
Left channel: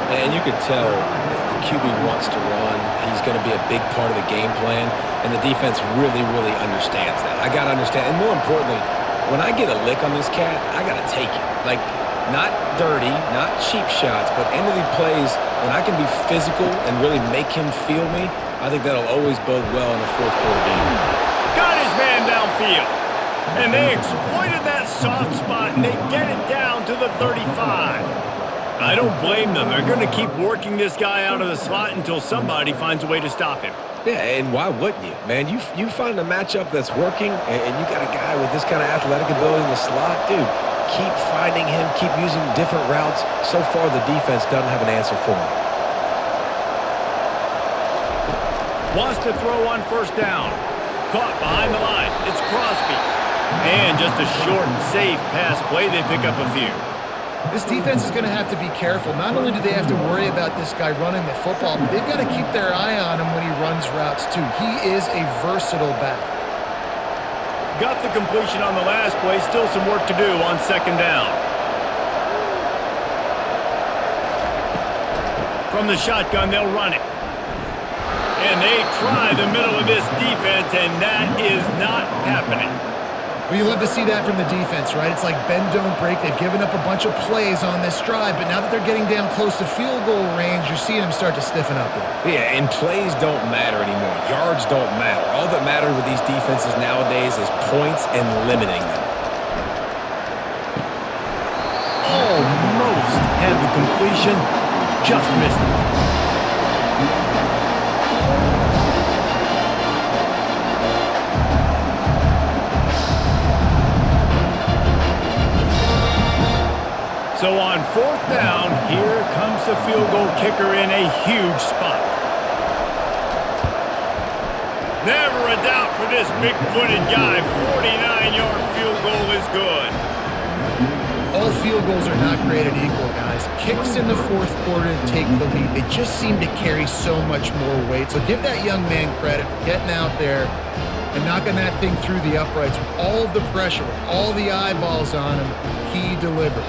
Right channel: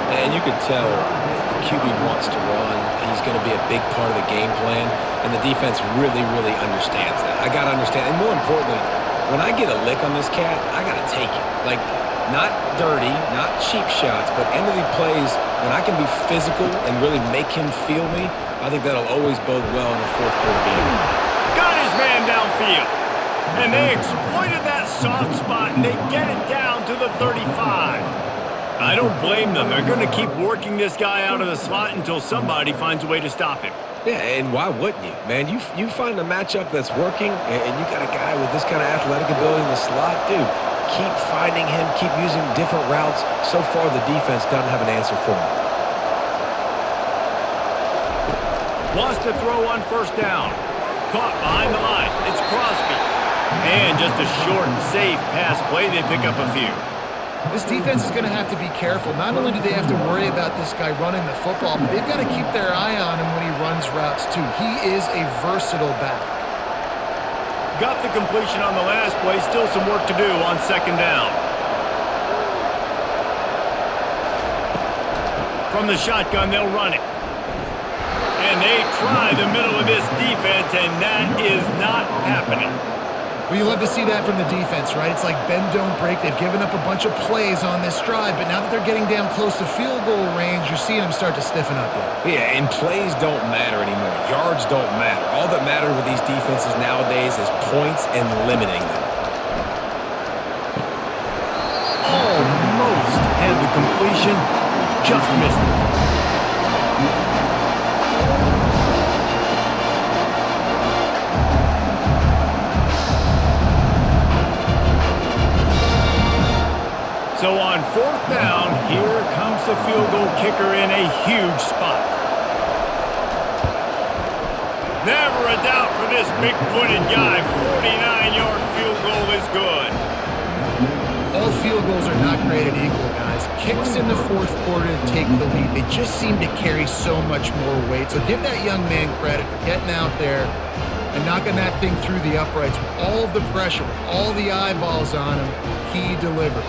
And you could tell the QB wants to run. He's going to be a big part of the game plan, and the defense really, really understands that. I got to understand, and more importantly, when I get a lick on this cat, I got to take it. Like, not dirty, not cheap shots, but end of the plays, when I can be physical and really make him feel me, I think that'll always bode well in a 4th quarter game. Got his man downfield. And they exploited that soft spot, and they get it down to the 35. I don't blame them. They're going to keep working this guy out of the slot until somebody finds a way to stop him. Yeah, and why wouldn't you? Man, you find a matchup that's working, and you got a guy with this kind of athletic ability in the slot, dude, keep finding him, keep using different routes. So far, the defense doesn't have an answer for him. Wants to throw on 1st down. Caught behind the line. It's Crosby. And just a short, safe pass play. They pick up a few. This defense is going to have to be careful. Not only do they have to worry about this guy running the football, but they've got to keep their eye on him when he runs routes too. He is a versatile back. Got the completion on the last play. Still some work to do on 2nd down. From the shotgun, they'll run it. And they try the middle of this defense, and that is not happening. Well, you love to see that from the defense, right? It's like bend, don't break. They've given up a bunch of plays on this drive, but now that they're getting down close to field goal range, you're seeing them start to stiffen up there. Yeah, and plays don't matter anymore. Yards don't matter. All that matters with these defenses nowadays is points and limiting them. Almost had the completion, just missed it. So on 4th down, here comes the field goal kicker in a huge spot. Never a doubt for this big-footed guy. 49-yard field goal is good. All field goals are not created equal, guys. Kicks in the 4th quarter to take the lead. They just seem to carry so much more weight. So give that young man credit for getting out there and knocking that thing through the uprights with all of the pressure, with all the eyeballs on him. He delivered.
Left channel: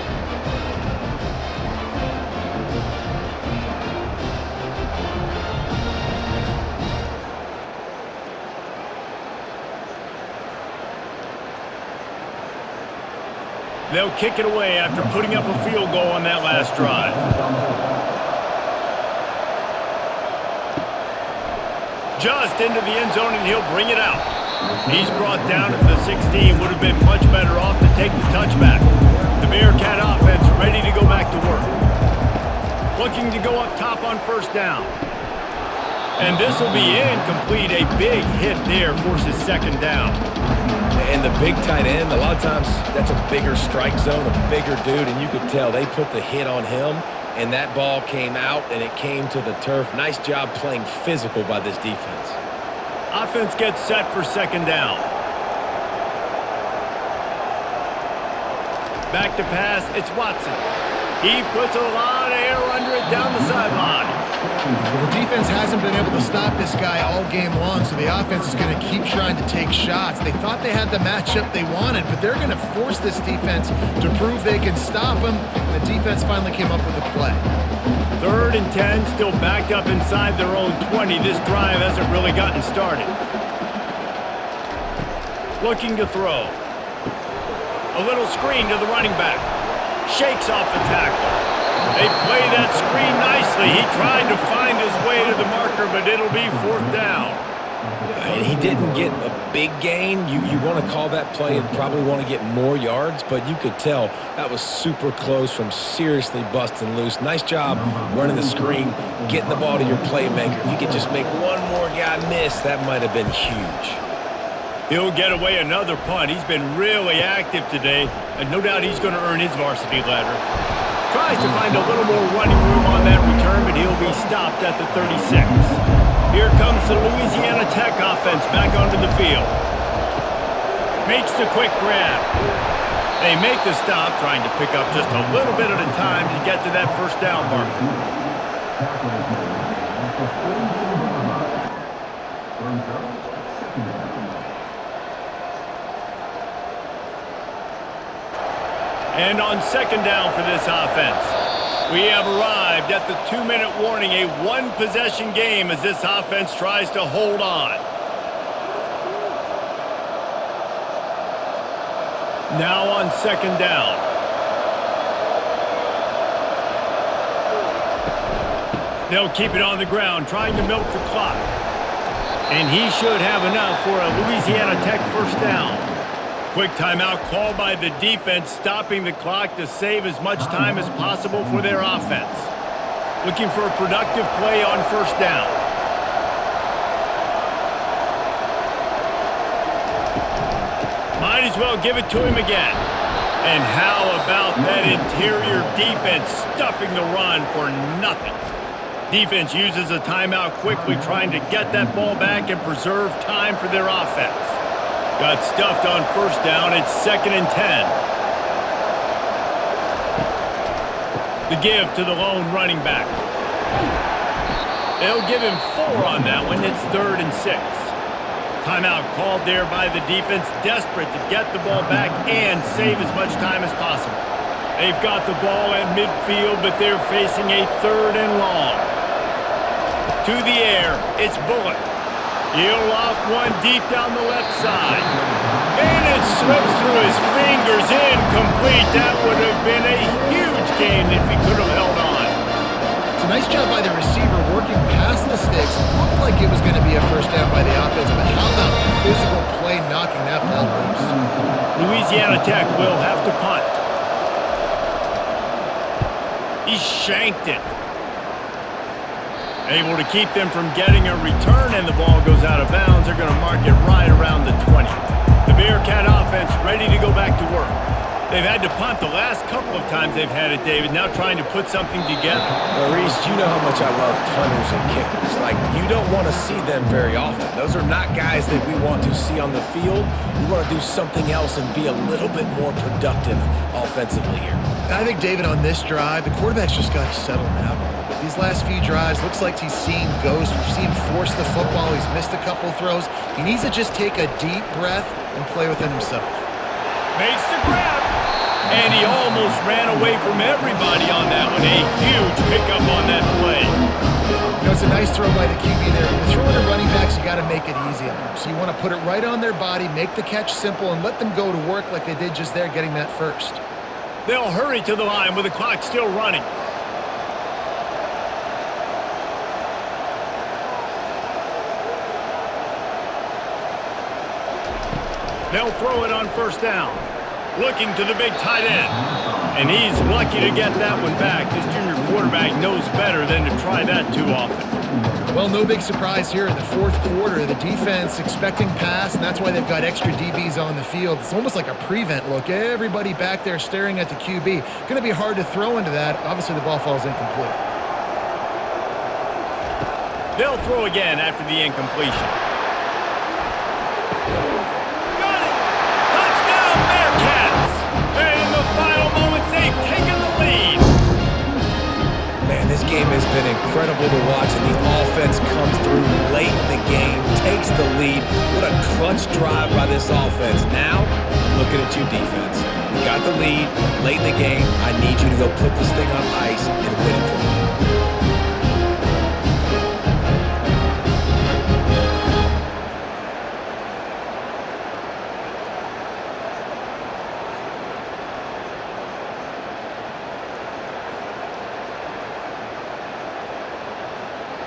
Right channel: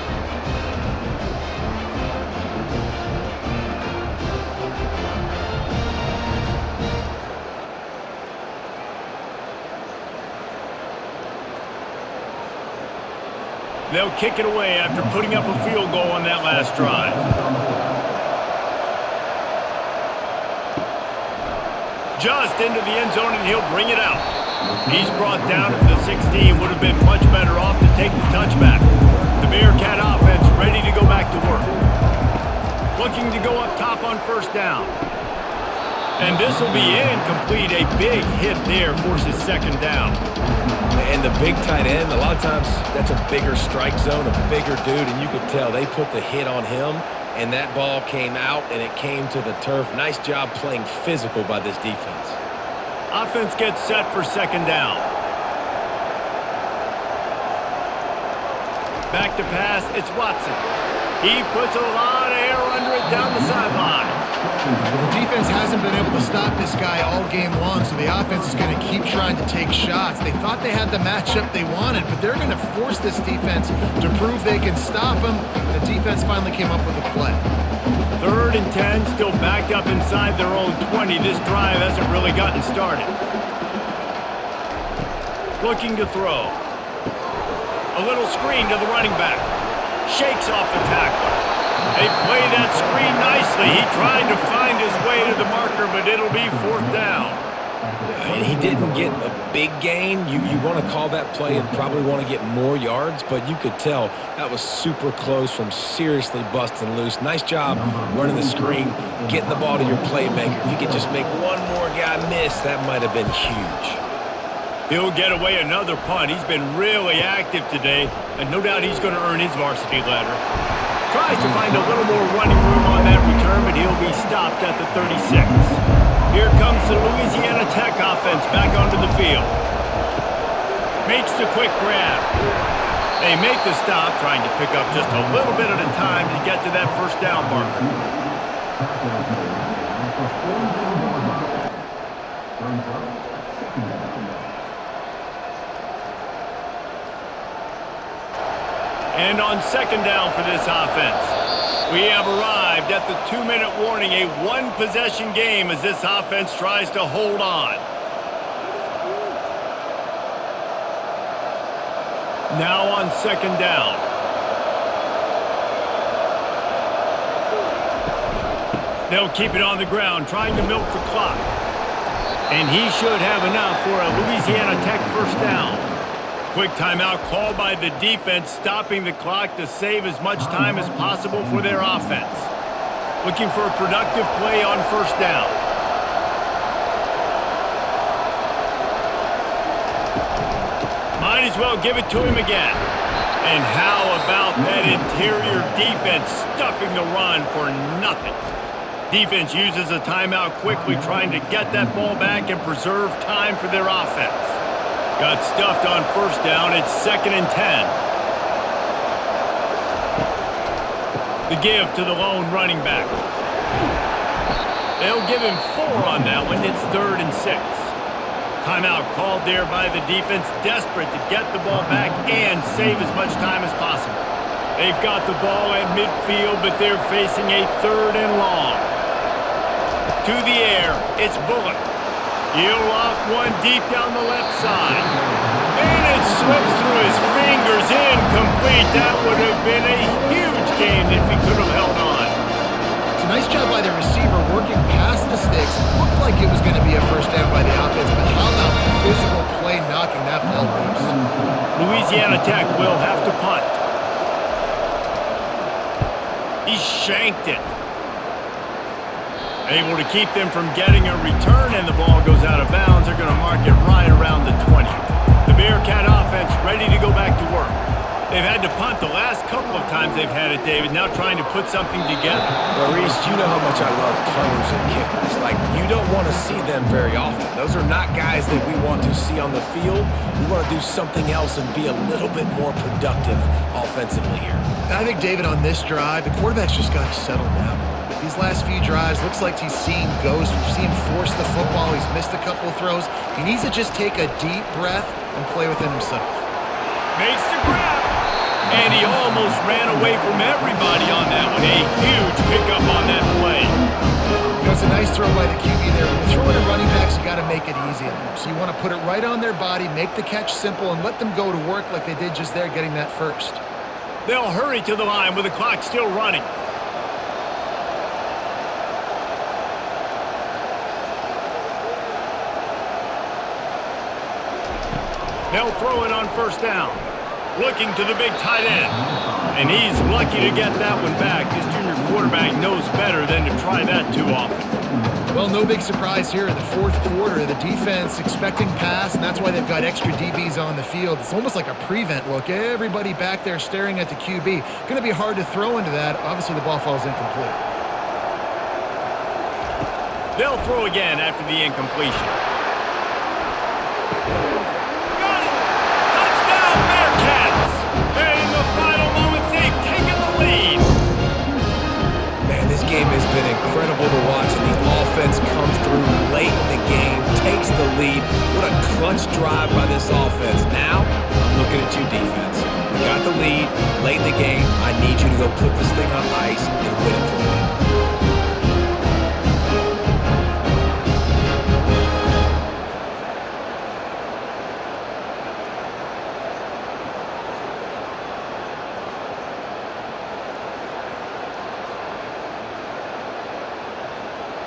They'll kick it away after putting up a field goal on that last drive. Just into the end zone, and he'll bring it out. He's brought down at the 16. Would have been much better off to take the touchback. The Bearcat offense ready to go back to work. Looking to go up top on 1st down. And this will be incomplete. A big hit there forces 2nd down. And the big tight end, a lot of times that's a bigger strike zone, a bigger dude, and you could tell they put the hit on him, and that ball came out, and it came to the turf. Nice job playing physical by this defense. Offense gets set for 2nd down. Back to pass, it's Watson. He puts a lot of air under it down the sideline. Well, the defense hasn't been able to stop this guy all game long, so the offense is going to keep trying to take shots. They thought they had the matchup they wanted, but they're going to force this defense to prove they can stop him. The defense finally came up with a play. 3rd and 10, still backed up inside their own 20. This drive hasn't really gotten started. Looking to throw. A little screen to the running back. Shakes off the tackler. They play that screen nicely. He tried to find his way to the marker, but it'll be 4th down. He didn't get a big gain. You want to call that play and probably want to get more yards, but you could tell that was super close from seriously busting loose. Nice job running the screen, getting the ball to your playmaker. If you could just make one more guy miss, that might have been huge. He'll get away another punt. He's been really active today, and no doubt he's going to earn his varsity letter. Tries to find a little more running room on that return, but he'll be stopped at the 36. Here comes the Louisiana Tech offense back onto the field. Makes the quick grab. They make the stop, trying to pick up just a little bit at a time to get to that 1st down marker. Tackle is made at the 42-yard line. Brings up 2nd down. And on 2nd down for this offense, we have arrived at the 2-minute warning, a 1-possession game as this offense tries to hold on. Now on 2nd down. They'll keep it on the ground, trying to milk the clock. And he should have enough for a Louisiana Tech 1st down. Quick timeout called by the defense, stopping the clock to save as much time as possible for their offense. Looking for a productive play on 1st down. Might as well give it to him again. And how about that interior defense stuffing the run for nothing? Defense uses a timeout quickly, trying to get that ball back and preserve time for their offense. Got stuffed on 1st down. It's 2nd and 10. The give to the lone running back. They'll give him 4 on that one. It's 3rd and 6. Timeout called there by the defense, desperate to get the ball back and save as much time as possible. They've got the ball at midfield, but they're facing a 3rd and long. To the air, it's Bullock. He'll off one deep down the left side. And it slips through his fingers, incomplete. That would have been a huge gain if he could have held on. It's a nice job by the receiver working past the sticks. Looked like it was going to be a 1st down by the offense, but how about the physical play knocking that ball loose? Louisiana Tech will have to punt. He shanked it. Able to keep them from getting a return, and the ball goes out of bounds. They're going to mark it right around the 20. The Bearcat offense ready to go back to work. They've had to punt the last couple of times they've had it, David, now trying to put something together. Well, Reese, you know how much I love punters and kickers. Like, you don't want to see them very often. Those are not guys that we want to see on the field. We want to do something else and be a little bit more productive offensively here. I think, David, on this drive, the quarterback's just got to settle down a little bit. These last few drives, looks like he's seeing ghosts. We've seen him force the football. He's missed a couple of throws. He needs to just take a deep breath and play within himself. Makes the grab. And he almost ran away from everybody on that one. A huge pickup on that play. You know, it's a nice throw by the QB there. When you're throwing to running backs, you got to make it easy on them. So you want to put it right on their body, make the catch simple, and let them go to work like they did just there, getting that first. They'll hurry to the line with the clock still running. They'll throw it on 1st down. Looking to the big tight end. And he's lucky to get that one back. This junior quarterback knows better than to try that too often. Well, no big surprise here in the 4th quarter. The defense expecting pass, and that's why they've got extra DBs on the field. It's almost like a prevent look. Everybody back there staring at the QB. Going to be hard to throw into that. Obviously, the ball falls incomplete. They'll throw again after the incompletion. Touchdown, Bearcats! And in the final moments, they've taken the lead. game has been incredible to watch, and the offense comes through late in the game, takes the lead. What a clutch drive by this offense. Now, I'm looking at you, defense. You got the lead late in the game. I need you to go put this thing on ice and win it for me.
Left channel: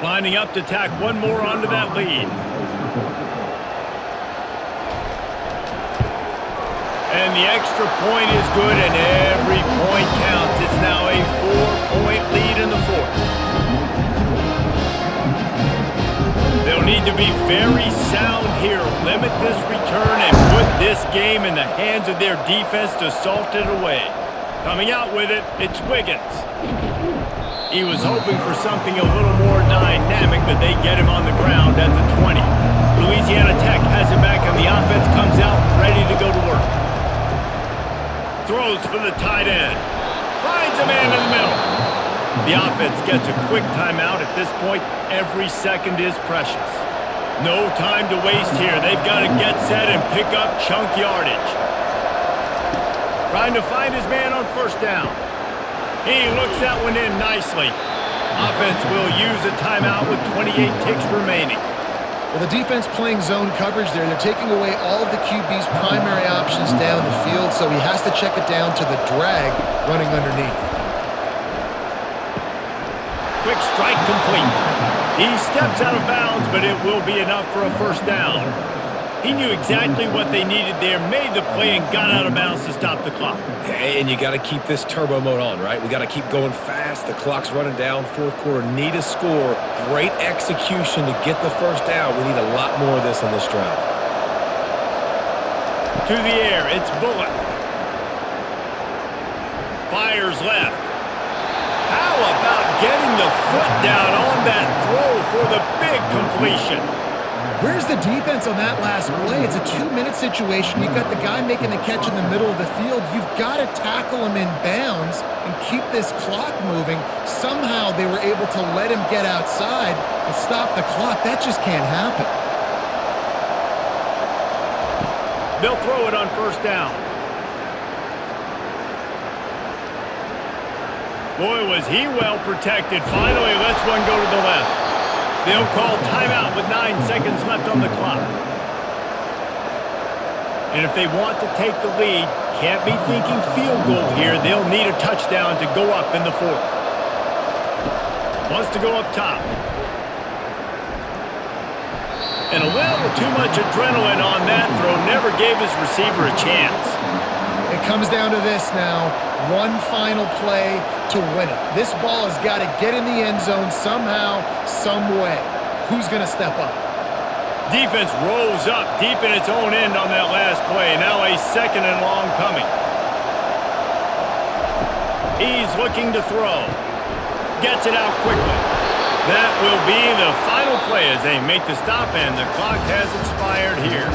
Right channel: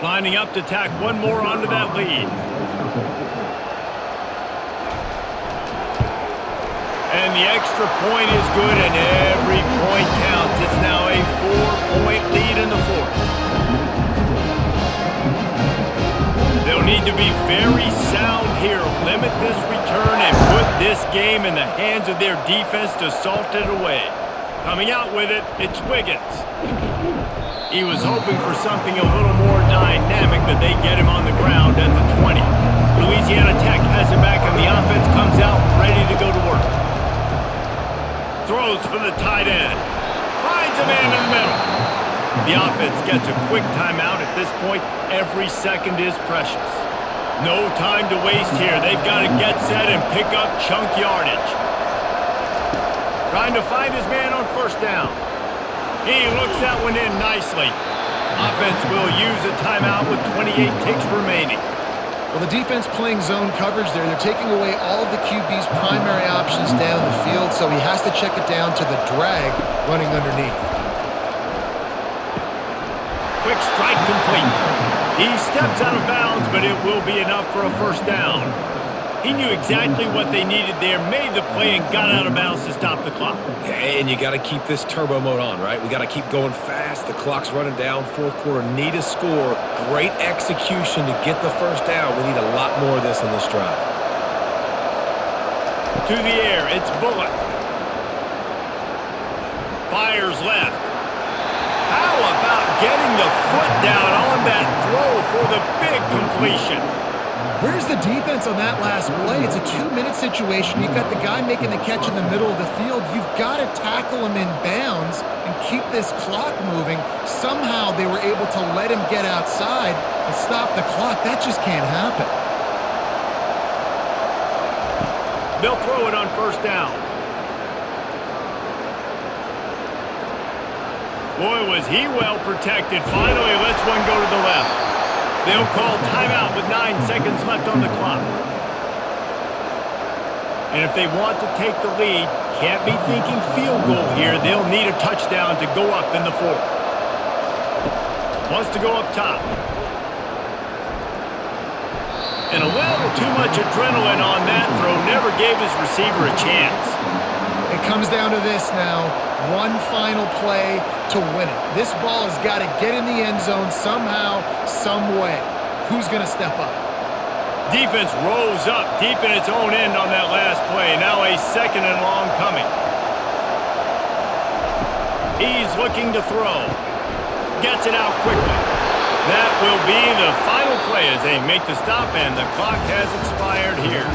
Lining up to tack one more onto that lead. And the extra point is good, and every point counts. It's now a 4-point lead in the fourth. They'll need to be very sound here, limit this return, and put this game in the hands of their defense to salt it away. Coming out with it, it's Wiggins. He was hoping for something a little more dynamic, but they get him on the ground at the 20. Louisiana Tech has it back, and the offense comes out ready to go to work. Throws for the tight end. Finds a man in the middle. The offense gets a quick timeout. At this point, every second is precious. No time to waste here. They've got to get set and pick up chunk yardage. Trying to find his man on first down. He looks that one in nicely. Offense will use a timeout with 28 ticks remaining. Well, the defense playing zone coverage there. They're taking away all of the QB's primary options down the field, so he has to check it down to the drag running underneath. Quick strike complete. He steps out of bounds, but it will be enough for a first down. He knew exactly what they needed there, made the play, and got out of bounds to stop the clock. And you got to keep this turbo mode on, right? We got to keep going fast. The clock's running down. Fourth quarter, need a score. Great execution to get the first down. We need a lot more of this on this drive. To the air, it's Bullock. Fires left. How about getting the foot down on that throw for the big completion? Where's the defense on that last play? It's a 2-minute situation. You've got the guy making the catch in the middle of the field. You've got to tackle him in bounds and keep this clock moving. Somehow they were able to let him get outside and stop the clock. That just can't happen. They'll throw it on first down. Boy, was he well protected. Finally lets one go to the left. They'll call timeout with 9 seconds left on the clock. And if they want to take the lead, can't be thinking field goal here. They'll need a touchdown to go up in the fourth. Wants to go up top. And a little too much adrenaline on that throw. Never gave his receiver a chance. It comes down to this now. One final play to win it. This ball has got to get in the end zone somehow, some way. Who's going to step up? Defense rose up deep in its own end on that last play. Now a second and long coming. He's looking to throw. Gets it out quickly. That will be the final play as they make the stop, and the clock has expired here.